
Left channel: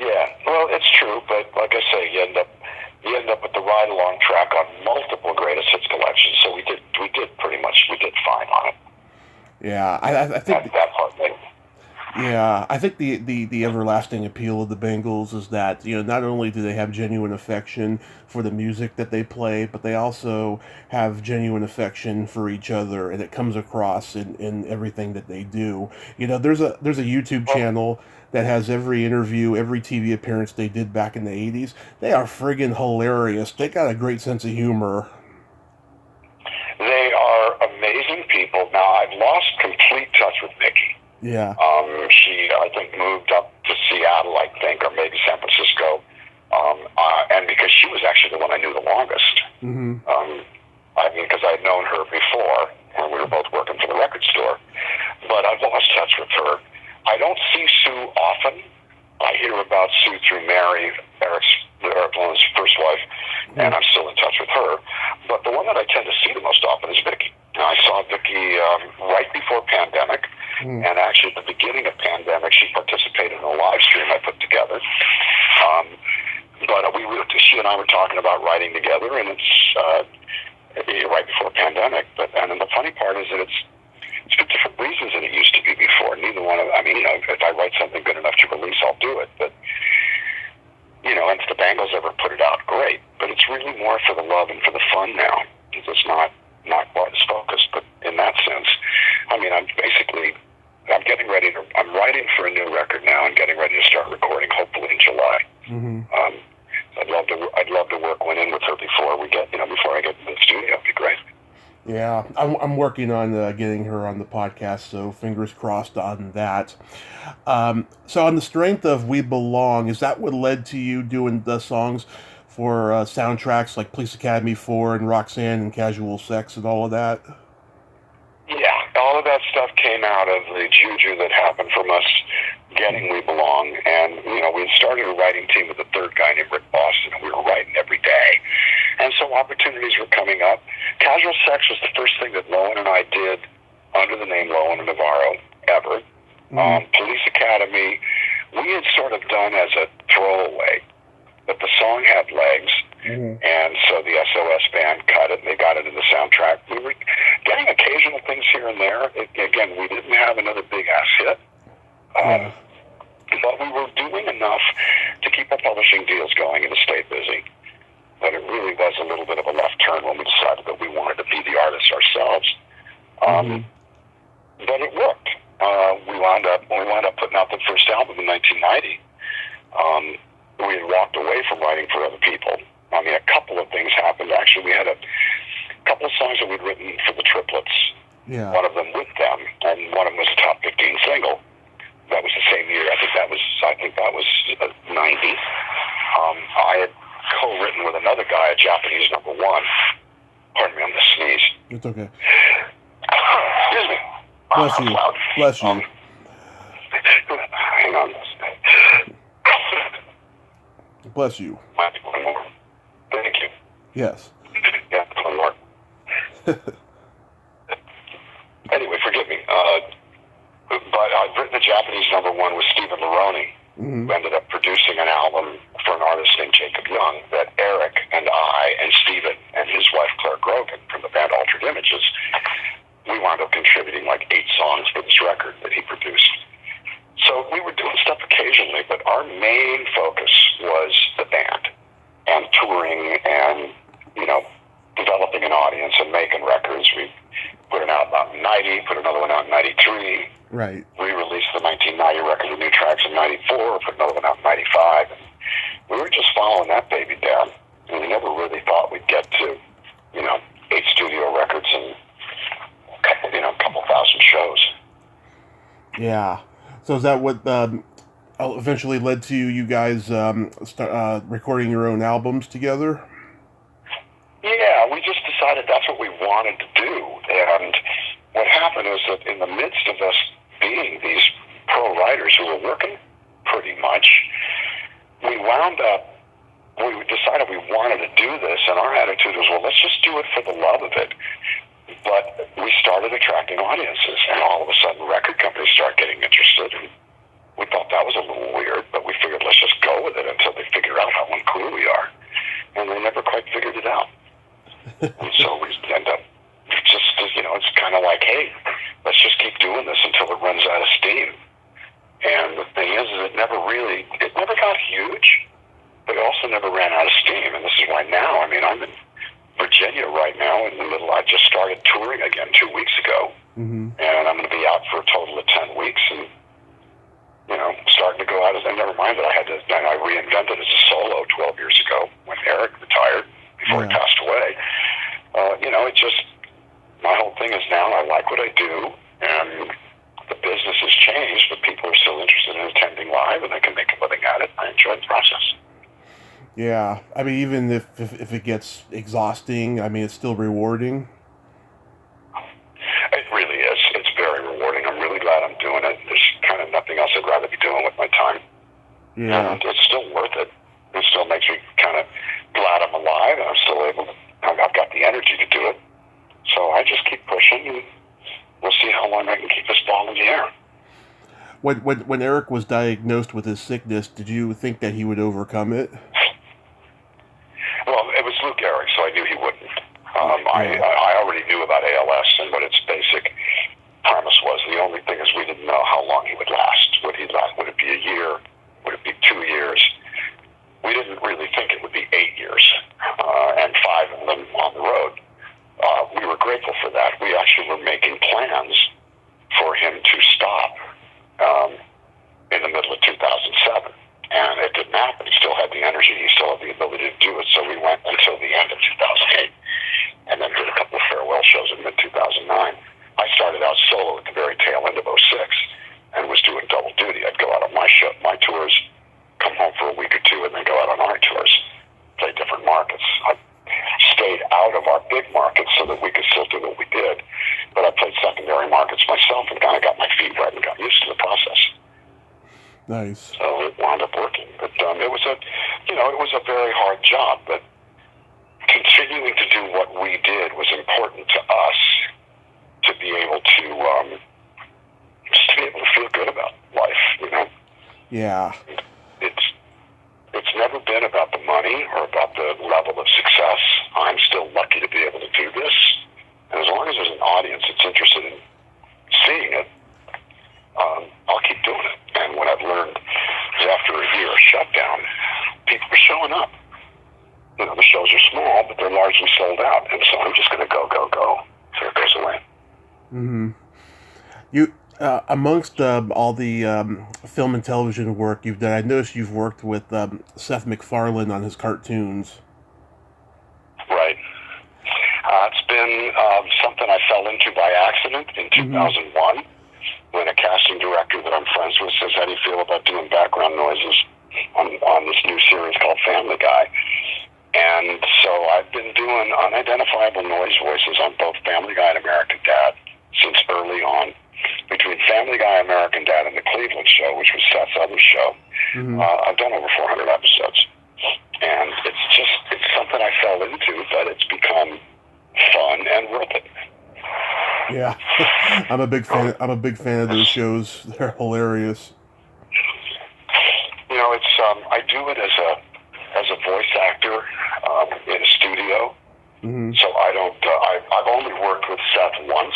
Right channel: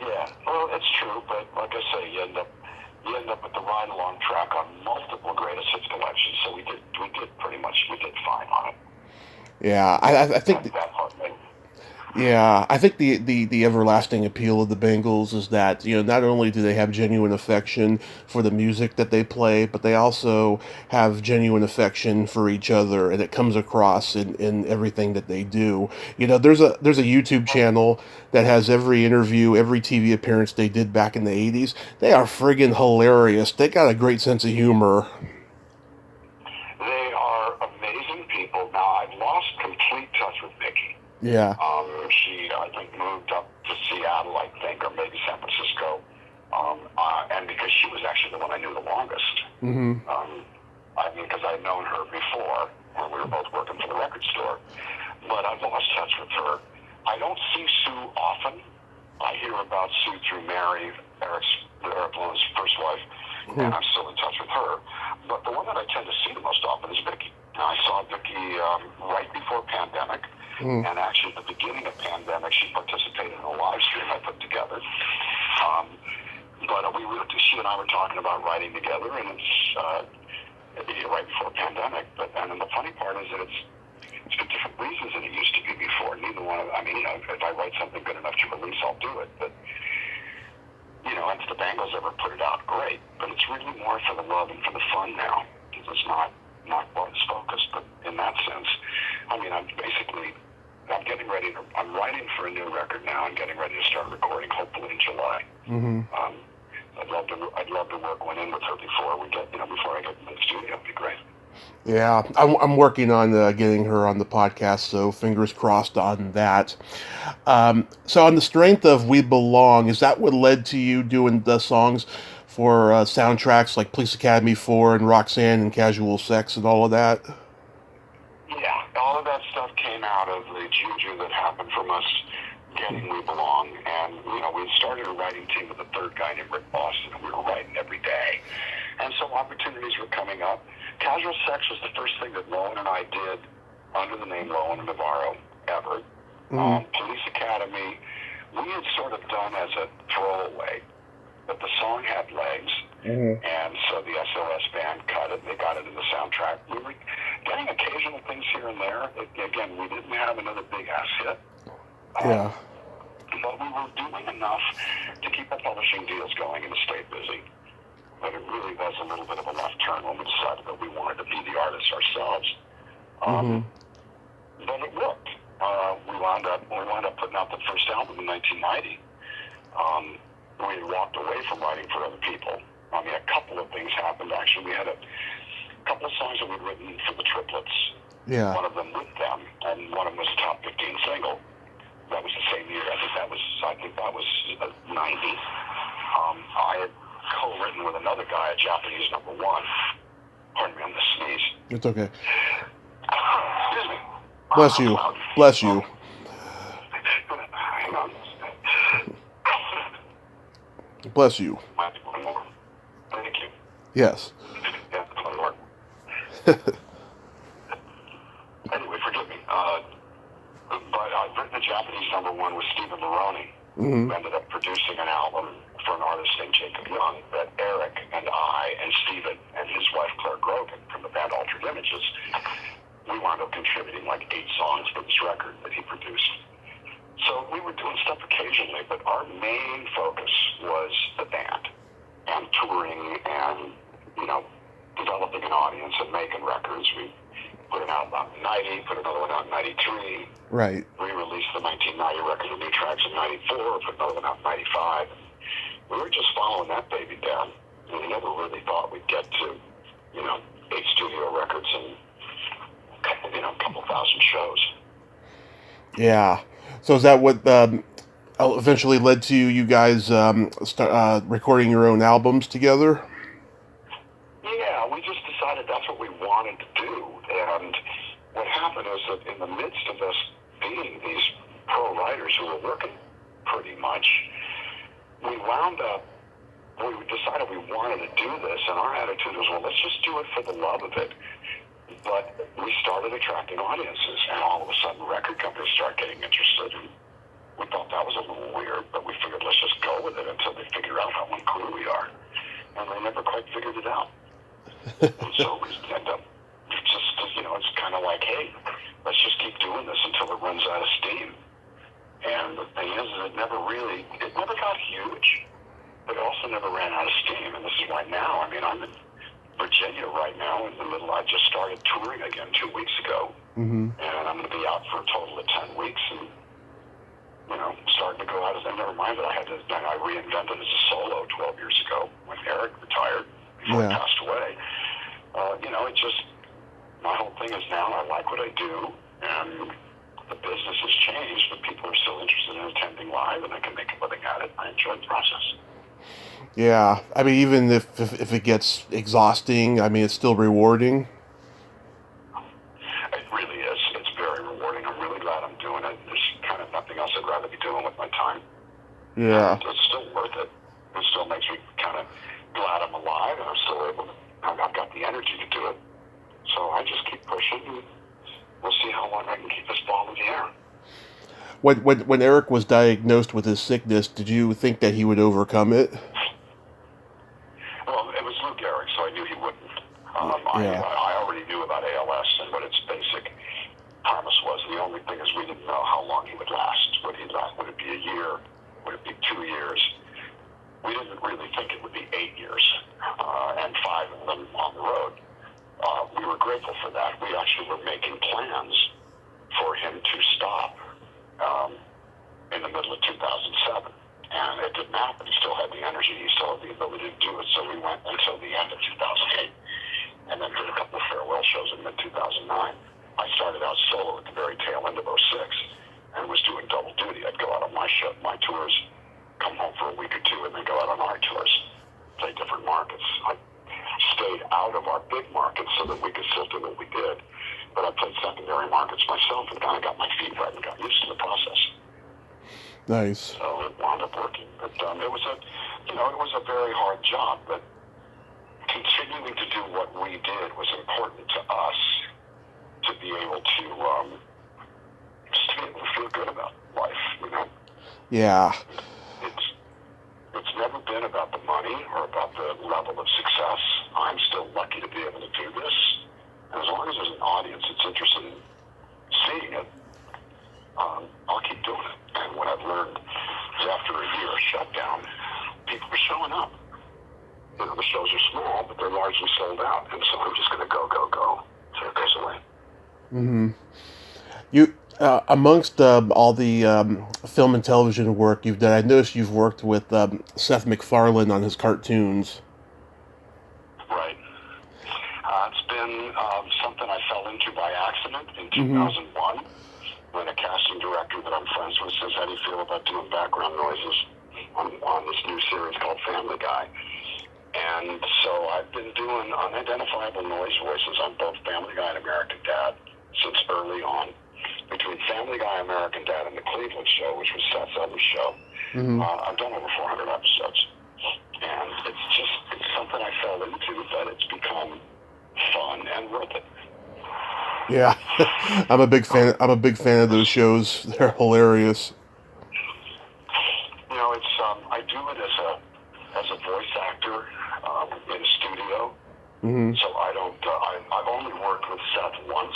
Yeah, well, it's true, but like I say, you end up with the ride along track on multiple greatest hits collections. So we did fine on it. Yeah, I think that part thing. Yeah, I think the everlasting appeal of the Bengals is that, you know, not only do they have genuine affection for the music that they play, but they also have genuine affection for each other, and it comes across in everything that they do. You know, there's a YouTube channel that has every interview, every TV appearance they did back in the 80s. They are friggin' hilarious. They got a great sense of humor. They are amazing people. Now, I've lost complete touch with Mickey. Yeah. She, I think, moved up to Seattle, I think, or maybe San Francisco. And because she was actually the one I knew the longest. I mean, because I'd known her before, and we were both working for the record store. But I've lost touch with her. I don't see Sue often. I hear about Sue through Mary, Eric Lynn's first wife, and I'm still in touch with her. But the one that I tend to see the most often is Vicky. I saw Vicky right before pandemic, and actually at the beginning of pandemic, she participated in a live stream I put together. But she and I were talking about writing together, and it's right before pandemic. And then the funny part is that it's for different reasons than it used to be before. Neither one of, I mean, you know, if I write something good enough to release, I'll do it. But, you know, and if the Bengals ever put it out, great. But it's really more for the love and for the fun now. It's not quite as focused, but in that sense, I mean, I'm writing for a new record now and getting ready to start recording, hopefully in July. I'd love to work one in with her before I get into the studio. It'd be great. Yeah, I'm working on getting her on the podcast, so fingers crossed on that. So, on the strength of We Belong, is that what led to you doing the songs for soundtracks like Police Academy 4 and Roxanne and Casual Sex and all of that? Yeah, all of that stuff came out of the juju that happened from us getting We Belong. And, we had started a writing team with a third guy named Rick Boston, and we were writing every day. And so opportunities were coming up. Casual Sex was the first thing that Lowen and I did under the name Lowen Navarro ever. Police Academy, we had sort of done as a throwaway, but the song had legs. And so the SOS band cut it, and they got it in the soundtrack. We were getting occasional things here and there. Again, we didn't have another big-ass hit. Yeah. But we were doing enough to keep our publishing deals going and to stay busy. But it really was a little bit of a left turn when we decided that we wanted to be the artists ourselves. But it worked. We wound up putting out the first album in 1990. We had walked away from writing for other people. I mean, a couple of things happened. Actually, we had a couple of songs that we'd written for the Triplets. Yeah. One of them with them, and one of them was a top 15 single. That was the same year. I think that was 90. I had co-written with another guy, a Japanese #1. Pardon me, I'm gonna sneeze. It's okay. Excuse me. Bless you. Bless you. Hang on. Bless you. Might be one more. Thank you. Yes. Yeah, one more. Anyway, forgive me. But I've written a Japanese #1 with Stephen Maroney, who ended up producing an album for an artist named Jacob Young that Eric and I and Stephen and his wife Claire Grogan from the band Altered Images, we wound up contributing like 8 songs for this record that he produced. So we were doing stuff occasionally, but our main focus was the band and touring and, developing an audience and making records. We put an album out in 90, put another one out in 93. Right. We released the 1990 record with new tracks in 94, put another one out in 95. And we were just following that baby down. And we never really thought we'd get to, 8 studio records and a couple thousand shows. Yeah. So is that what eventually led to you guys start recording your own albums together? Yeah, we just decided that's what we wanted to do. And what happened is that in the midst of us being these pro writers who were working pretty much, we decided we wanted to do this, and our attitude was, well, let's just do it for the love of it. But we started attracting audiences, and all of a sudden record companies started getting interested, and we thought that was a little weird, but we figured let's just go with it until they figure out how uncool we are. And they never quite figured it out. And so we end up it's kind of like, hey, let's just keep doing this until it runs out of steam. And the thing is it never got huge, but it also never ran out of steam. And this is why now, I'm in Virginia right now I just started touring again 2 weeks ago. And I'm going to be out for a total of 10 weeks and, starting to go out and never mind that I reinvented as a solo 12 years ago when Eric retired before he passed away. My whole thing is now I like what I do, and the business has changed, but people are still interested in attending live, and they can make a living at it. I enjoy the process. Yeah, even if it gets exhausting, it's still rewarding. It really is. It's very rewarding. I'm really glad I'm doing it. There's kind of nothing else I'd rather be doing with my time. Yeah. And it's still worth it. It still makes me kind of glad I'm alive, and I'm still able to, I've got the energy to do it. So I just keep pushing, and we'll see how long I can keep this ball in the air. When Eric was diagnosed with his sickness, did you think that he would overcome it? Well, it was Lou Gehrig, so I knew he wouldn't. I already knew about ALS and what its basic premise was. The only thing is we didn't know how long he would last. Would it be a year? Would it be 2 years? We didn't really think it would be 8 years, and 5 of them on the road. We were grateful for that. We actually were making plans for him to stop in the middle of 2007. And it didn't happen. He still had the energy. He still had the ability to do it. So we went until the end of 2008 and then did a couple of Nice. So it wound up working. But it was a very hard job. But continuing to do what we did was important to us to be able to just to be able to feel good about life. Yeah. It's never been about the money or about the level of success. I'm still lucky to be able to do this. And as long as there's an audience that's interested in seeing it, I'll keep doing it. And what I've learned is after a year of shutdown, people are showing up. The shows are small, but they're largely sold out. And so I'm just going to go. So it goes away. Mm-hmm. You, amongst all the film and television work you've done, I noticed you've worked with Seth MacFarlane on his cartoons. Right. It's been something I fell into by accident in 2001 when a casting director that I'm friends with says, how do you feel about doing background noises on this new series called Family Guy? And so I've been doing unidentifiable noise voices on both Family Guy and American Dad since early on. Between Family Guy, American Dad, and the Cleveland Show, which was Seth's other show, I've done over 400 episodes. And it's something I fell into, but it's become fun and worth it. Yeah, I'm a big fan of those shows. They're hilarious. I do it as a voice actor in a studio. So I don't. I've only worked with Seth once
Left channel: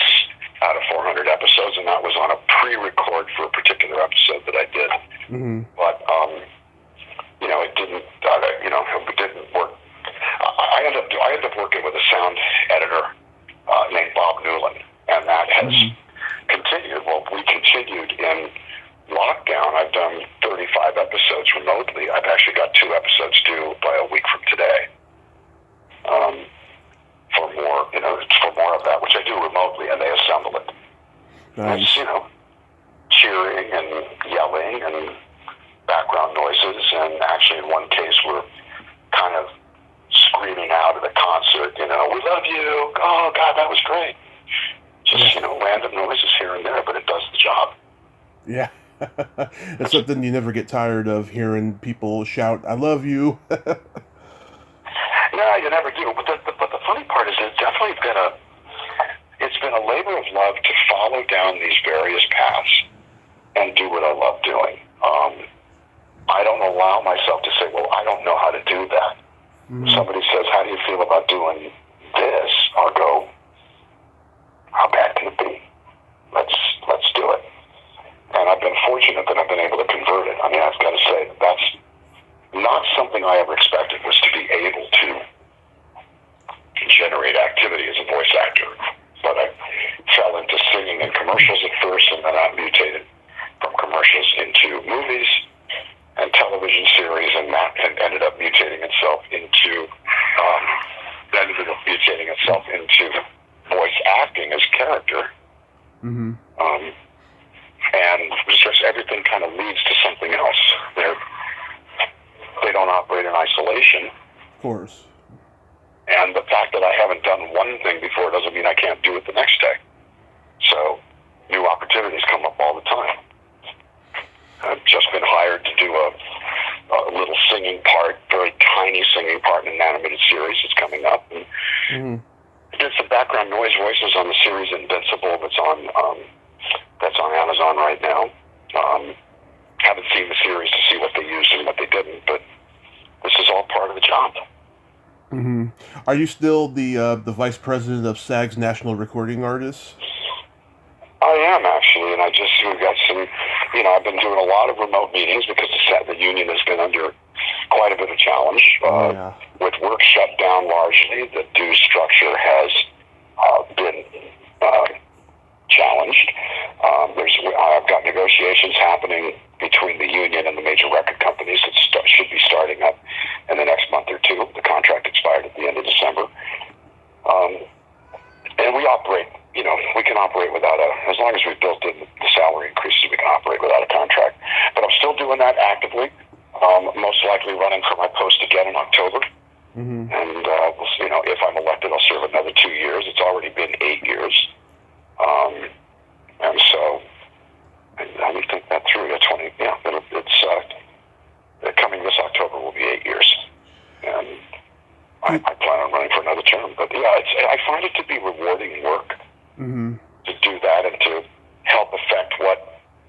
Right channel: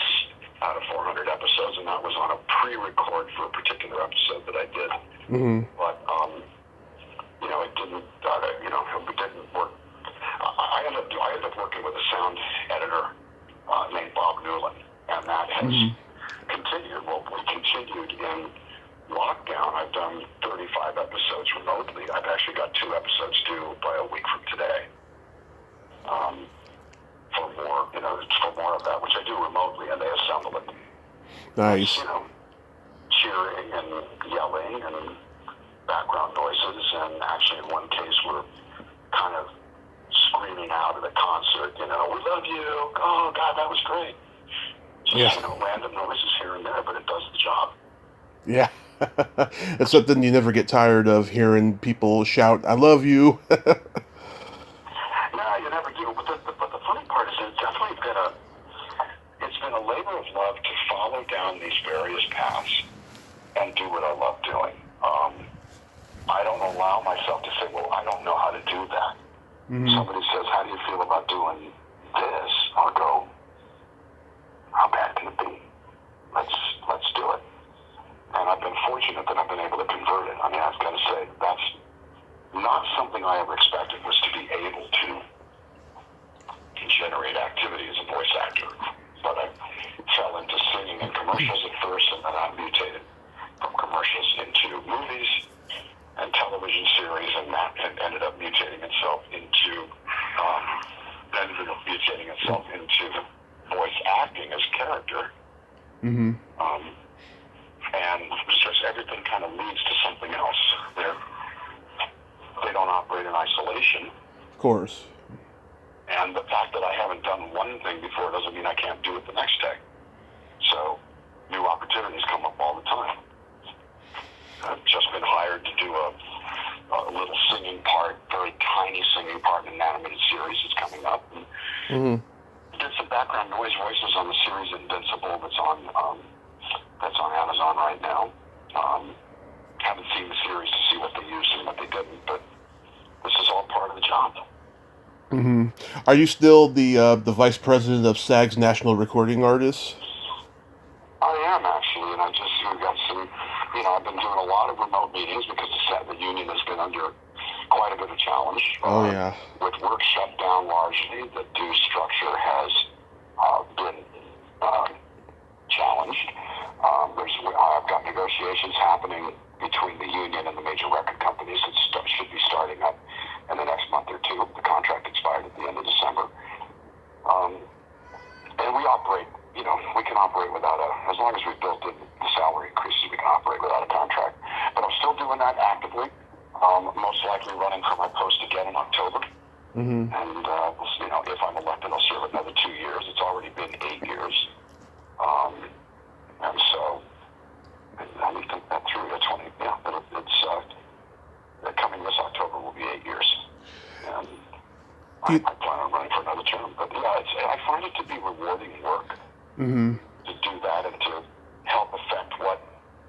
out of 400 episodes, and that was on a pre-record for a particular episode that I did. But it didn't. It didn't work. I ended up working with a sound editor named Bob Newland, and that has continued. Well, we continued in lockdown. I've done 35 episodes remotely. I've actually got 2 episodes due by a week from today. For more of that, which I do remotely, and they assemble it. Nice. It's, cheering and yelling and background noises, and actually in one case we're kind of screaming out at a concert, we love you, oh God, that was great. Just, random noises here and there, but it does the job. Yeah. It's something you never get tired of, hearing people shout, I love you. No, you never do. But the funny part is it's definitely been a labor of love to follow down these various paths and do what I love doing. I don't allow myself to say, well, I don't know how to do that. Somebody says, how do you feel about doing this? I'll go, how bad can it be? Let's do it. And I've been fortunate that I've been able to convert it. I mean, I've got to say, that's not something I ever expected, was to be able to generate activity as a voice actor. But I fell into singing in commercials at first, and then I mutated from commercials into movies and television series, and that ended up mutating itself into voice acting as character. And it's just everything kind of leads to something else. They don't operate in isolation. Of course. And the fact that I haven't done one thing before doesn't mean I can't do it the next day. So new opportunities come up all the time. I've just been hired to do a little singing part, very tiny singing part in an animated series that's coming up. And I did some background noise voices on the series Invincible that's on Amazon right now. Haven't seen the series to see what they used and what they didn't, but this is all part of the job. Are you still the vice president of SAG's National Recording Artists? I am, actually, and we've got some, I've been doing a lot of remote meetings because the union has been under quite a bit of challenge. With work shut down largely, the due structure has been challenged. I've got negotiations happening between the union and the major record companies that should be starting up in the next month or two. The contract expired at the end of December. And we operate, we can operate without as long as we've built in the salary increases, we can operate without a contract. But I'm still doing that actively, most likely running for my post again in October. And, if I'm elected, I'll serve another 2 years. It's already been 8 years. And so Let me think that through. It's coming this October will be 8 years, and I plan on running for another term. But yeah, I find it to be rewarding work to do that and to help affect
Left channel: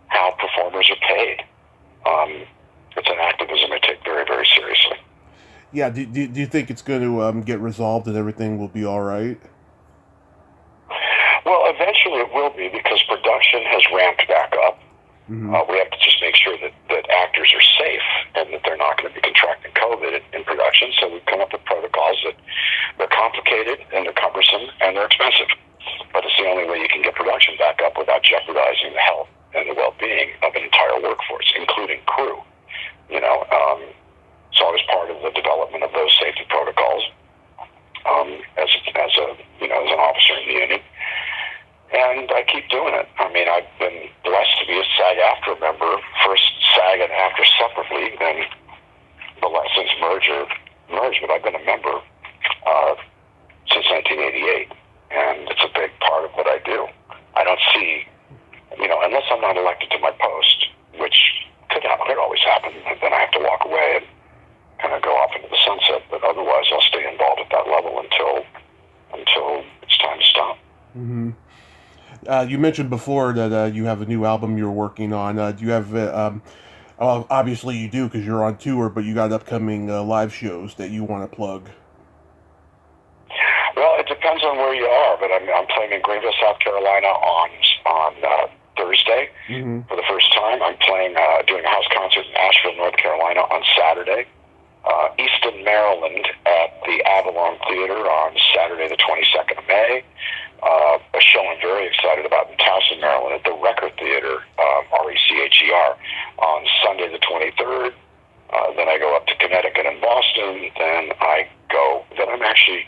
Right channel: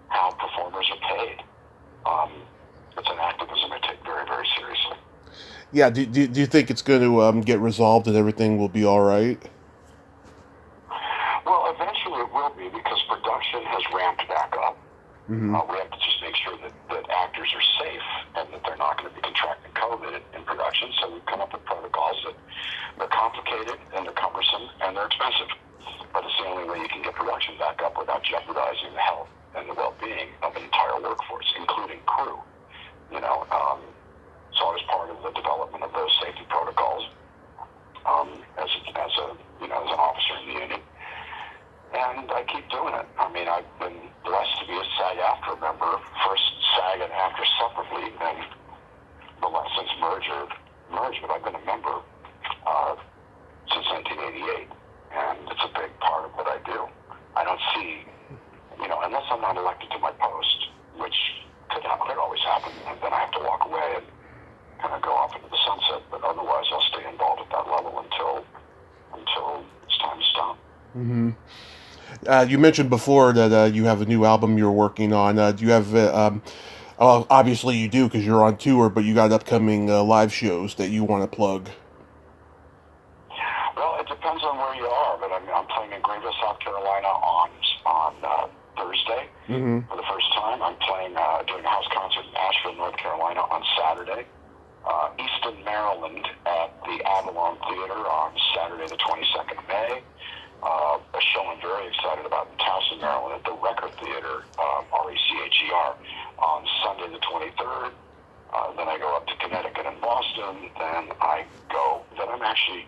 how performers are paid. It's an activism I take very, very seriously. Yeah, do you think it's going to get resolved and everything will be all right? Well, eventually it will be, because production has ramped back up. We have to just make sure that actors are safe and that they're not going to be contracting COVID in production. So we've come up with protocols that they're complicated and they're cumbersome and they're expensive. But it's the only way you can get production back up without jeopardizing the health and the well-being of an entire workforce, including crew. So I was part of the development of those safety protocols as an officer in the union. And I keep doing it. I mean, I've been blessed to be a SAG-AFTRA member, first SAG and AFTRA separately, then since merged, but I've been a member since 1988, and it's a big part of what I do. I don't see, unless I'm not elected to my post, which could always happen, and then I have to walk away and kind of go off into the sunset, but otherwise I'll stay involved at that level until it's time to stop. You mentioned before that you have a new album you're working on. Do you have, well, obviously you do because you're on tour, but you got upcoming live shows that you want to plug? Well, it depends on where you are, but I'm playing in Greenville, South Carolina on Thursday for the first time. I'm playing, doing a house concert in Asheville, North Carolina on Saturday. Easton, Maryland at the Avalon Theater on Saturday the 22nd of May. A show I'm very excited about in Towson, Maryland at the Record Theater, RECHER, on Sunday the 23rd. Then I go up to Connecticut and Boston. Then I'm actually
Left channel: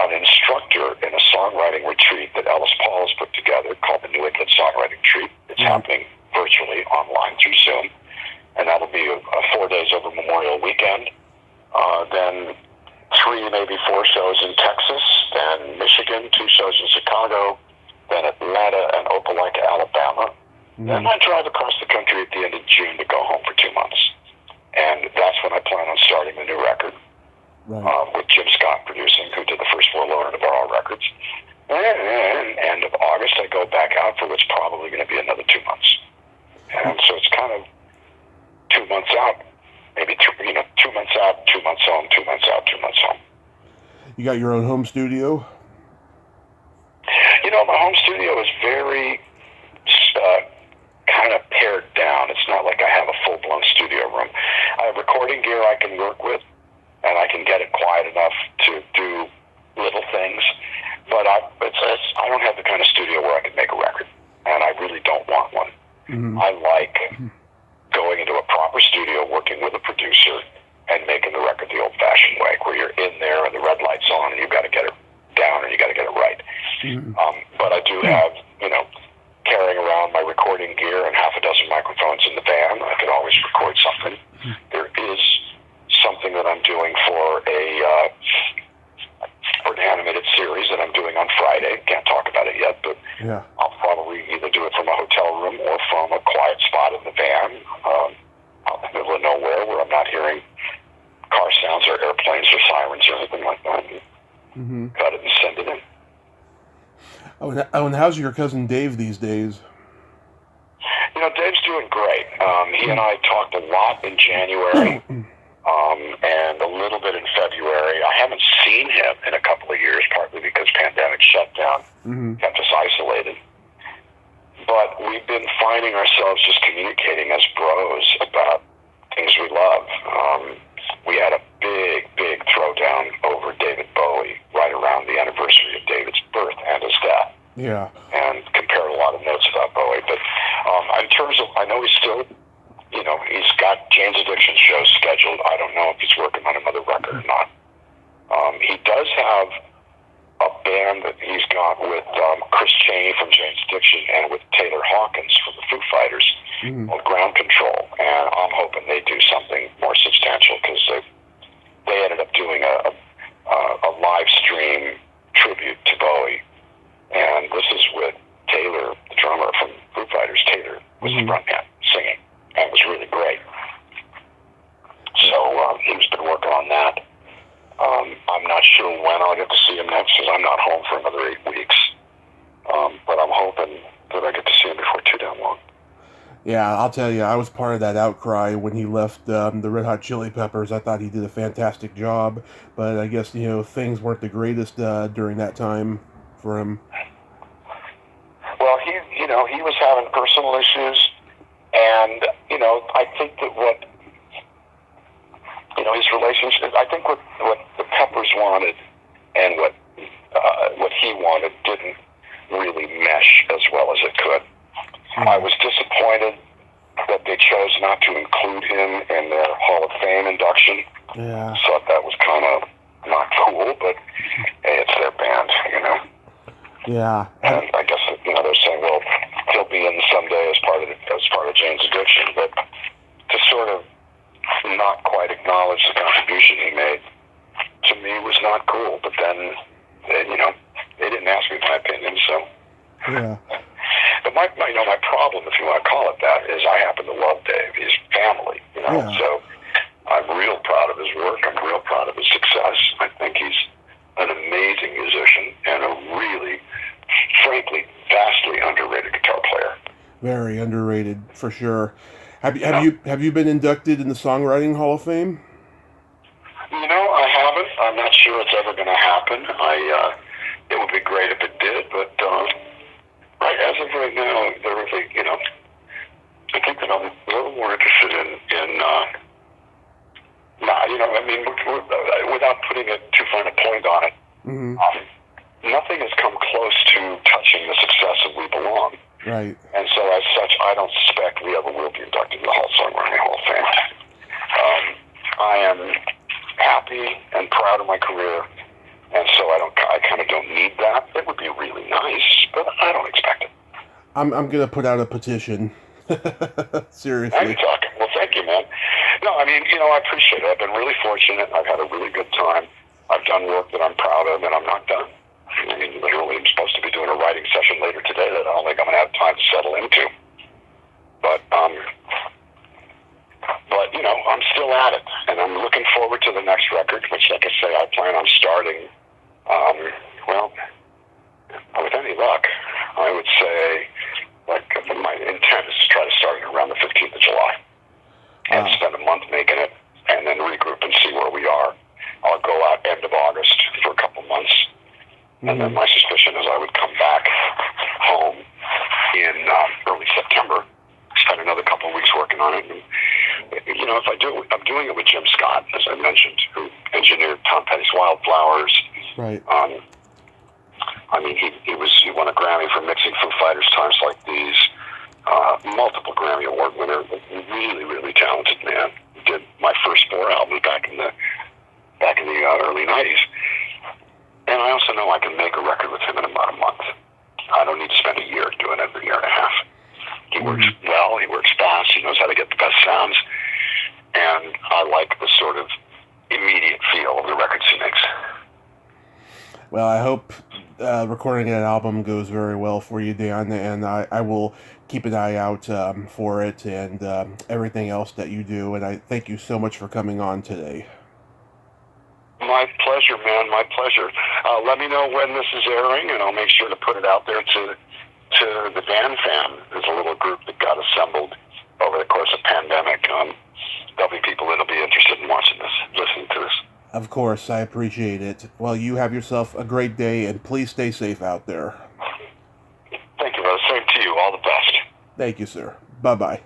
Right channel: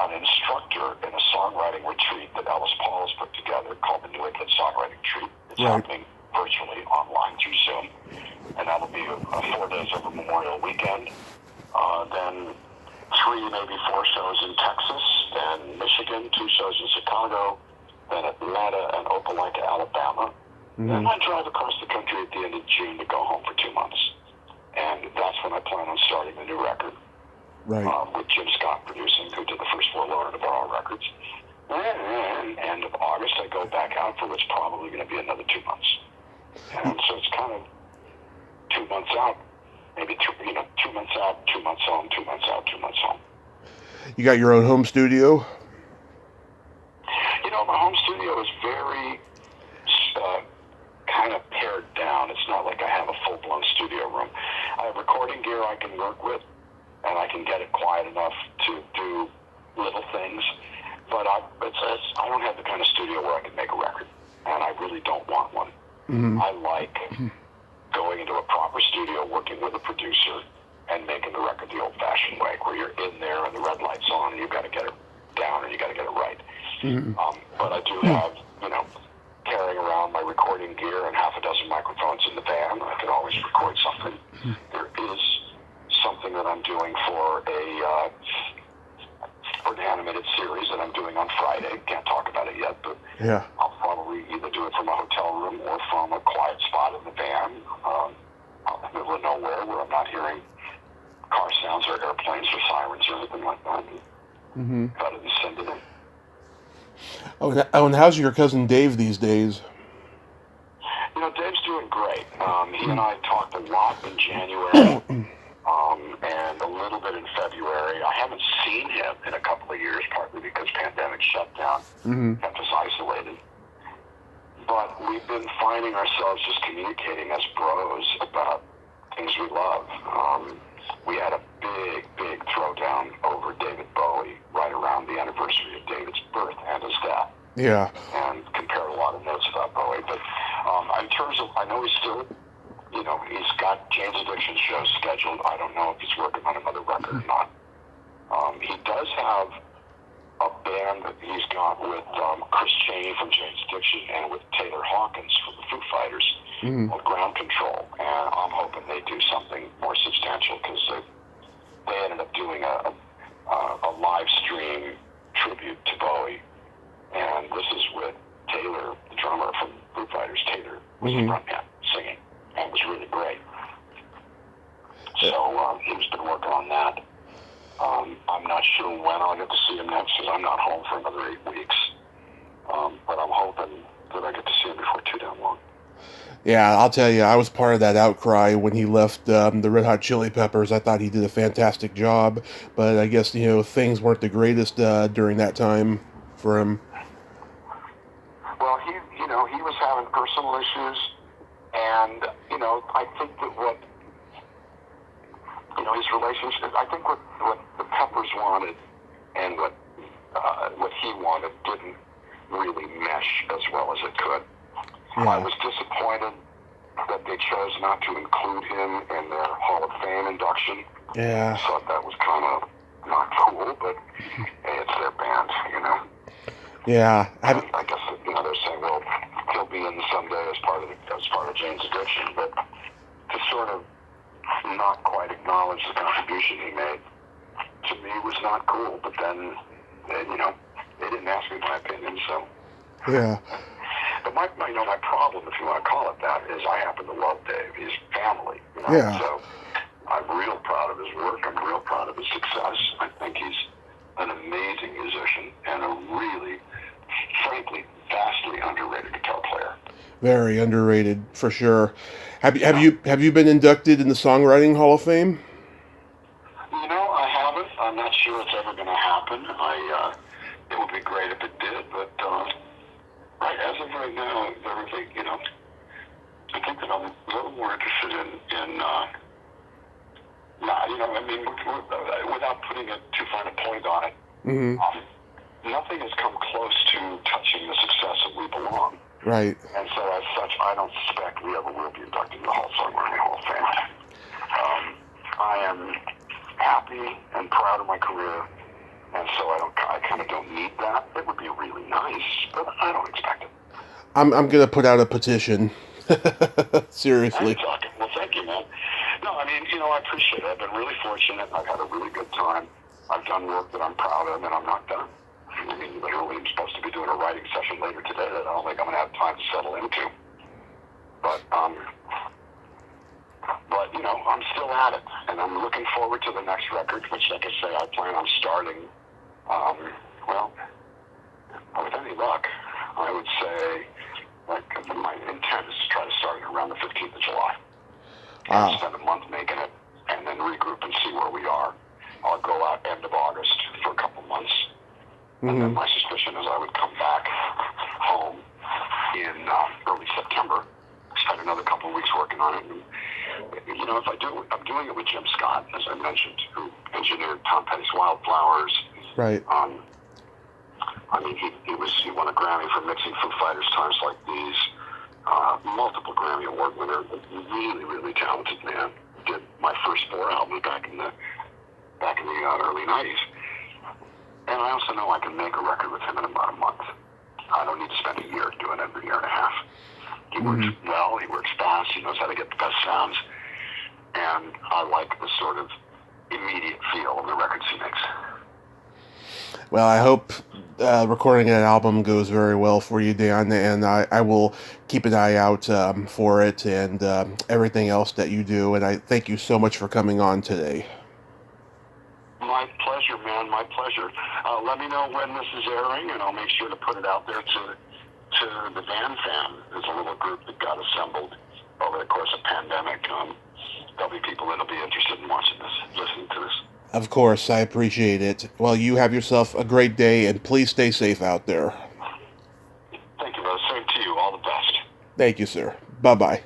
an instructor in a songwriting retreat that Ellis Paul has put together called the New England Songwriting Retreat. It's happening virtually online through Zoom. And that'll be 4 days over Memorial Weekend. Then 3, maybe 4 shows in Texas, then Michigan, 2 shows in Chicago, then Atlanta and Opelika, Alabama. Then I drive across the country at the end of June to go home for 2 months. And that's when I plan on starting the new record. With Jim Scott producing, who did the first 4 Lowen Navarro records. And end of August, I go back out for what's probably going to be another 2 months. And so it's kind of 2 months out, maybe 2 months out, 2 months home, 2 months out, 2 months home. You got your own home studio? My home studio is very kind of pared down. It's not like I have a full-blown studio room. I have recording gear I can work with, and I can get it quiet enough to do little things. But I don't have the kind of studio where I can make a record, and I really don't want one. I like going into a proper studio, working with a producer, and making the record the old-fashioned way, where you're in there and the red light's on, and you've got to get it down and you got to get it right. But I do have, carrying around my recording gear and half a dozen microphones in the van. I could always record something. There is something that I'm doing for an animated series that I'm doing on Friday. Can't talk about it yet, but I'll probably either do it from a hotel room or from a quiet spot in the van out in the middle of nowhere where I'm not hearing car sounds or airplanes or sirens or anything like that. Got it and send it in. Oh, and how's your cousin Dave these days? Dave's doing great. He and I talked a lot in January and a little bit in February. I haven't seen him in a couple of years, partly because pandemic shutdown kept us isolated. But we've been finding ourselves just communicating as bros about things we love. We had a big throwdown over David Bowie right around the anniversary of David's birth and his death. And compared a lot of notes about Bowie. But in terms of, I know he's still, he's got Jane's Addiction shows scheduled. I don't know if he's working on another record or not. He does have a band that he's got with Chris Chaney from Jane's Addiction and with Taylor Hawkins from the Foo Fighters called Ground Control. And I'm hoping they do something more substantial because they ended up doing a live stream tribute to Bowie. And this is with Taylor, the drummer from Foo Fighters. Taylor was the Yeah, I'll tell you, I was part of that outcry when he left the Red Hot Chili Peppers. I thought he did a fantastic job, but I guess, things weren't the greatest during that time for him. Well, he was having personal issues, and I think that his relationship. I think what the Peppers wanted and what he wanted didn't really mesh as well as it could. Yeah. I was disappointed that they chose not to include him in their Hall of Fame induction. Yeah. I thought that was kind of not cool, but hey, it's their band, Yeah. And I guess they're saying, well, he'll be in someday as part of Jane's Addiction, but to sort of not quite acknowledge the contribution he made to me was not cool. But then, they didn't ask me my opinion, so. Yeah. But my problem, if you want to call it that, is I happen to love Dave. He's family, Yeah. So I'm real proud of his work. I'm real proud of his success. I think he's an amazing musician and a really, frankly, vastly underrated guitar player. Very underrated, for sure. Have you been inducted in the Songwriting Hall of Fame? I haven't. I'm not sure it's ever going to happen. It would be great if it did, but as of right now, I think that I'm a little more interested without putting it too fine a point on it. Mm-hmm. Nothing has come close to touching the success of We Belong. Right. And so, as such, I don't suspect we ever will be inducted in the Songwriting Hall of Fame. I am happy and proud of my career, and so I kind of don't need that. It would be really nice, but I don't expect it. I'm gonna put out a petition. Seriously. Now you're talking. Well, thank you, man. No, I appreciate it. I've been really fortunate. I've had a really good time. I've done work that I'm proud of, and I'm not done. Literally, I'm supposed to be doing a writing session later today that I don't think I'm going to have time to settle into. But I'm still at it, and I'm looking forward to the next record, which, like I say, I plan on starting. With any luck, I would say, my intent is to try to start it around the 15th of July. Wow. And spend a month making it, and then regroup and see where we are. I'll go out end of August for a couple months. And then my suspicion is I would come back home in early September, spend another couple of weeks working on it. And, if I do, I'm doing it with Jim Scott, as I mentioned, who engineered Tom Petty's Wildflowers. Right. He won a Grammy for mixing Foo Fighters' Times Like These. Multiple Grammy Award winner, really, really talented man. Did my first 4 albums back in the early '90s. And I also know I can make a record with him in about a month. I don't need to spend a year doing it, a year and a half. He works well, he works fast, he knows how to get the best sounds, and I like the sort of immediate feel of the records he makes. Well, I hope recording that album goes very well for you, Dan, and I will keep an eye out for it and everything else that you do, and I thank you so much for coming on today. My pleasure, man. My pleasure. Let me know when this is airing, and I'll make sure to put it out there to the Dan fam. There's a little group that got assembled over the course of pandemic. There'll be people that'll be interested in watching this, listening to this. Of course, I appreciate it. Well, you have yourself a great day, and please stay safe out there. Thank you, brother. Same to you. All the best. Thank you, sir. Bye-bye.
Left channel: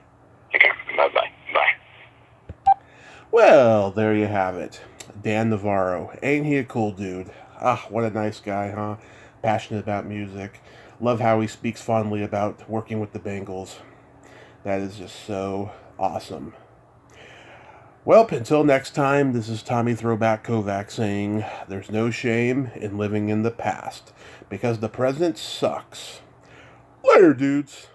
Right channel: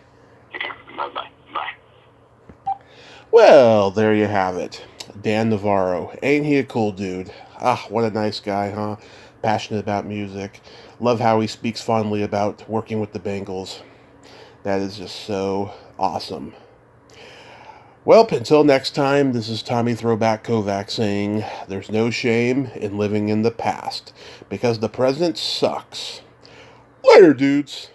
Okay. Bye-bye. Bye. Well, there you have it. Dan Navarro. Ain't he a cool dude? Ah, what a nice guy, huh? Passionate about music. Love how he speaks fondly about working with the Bengals. That is just so awesome. Well, until next time, this is Tommy Throwback Kovac saying, there's no shame in living in the past, because the present sucks. Later, dudes.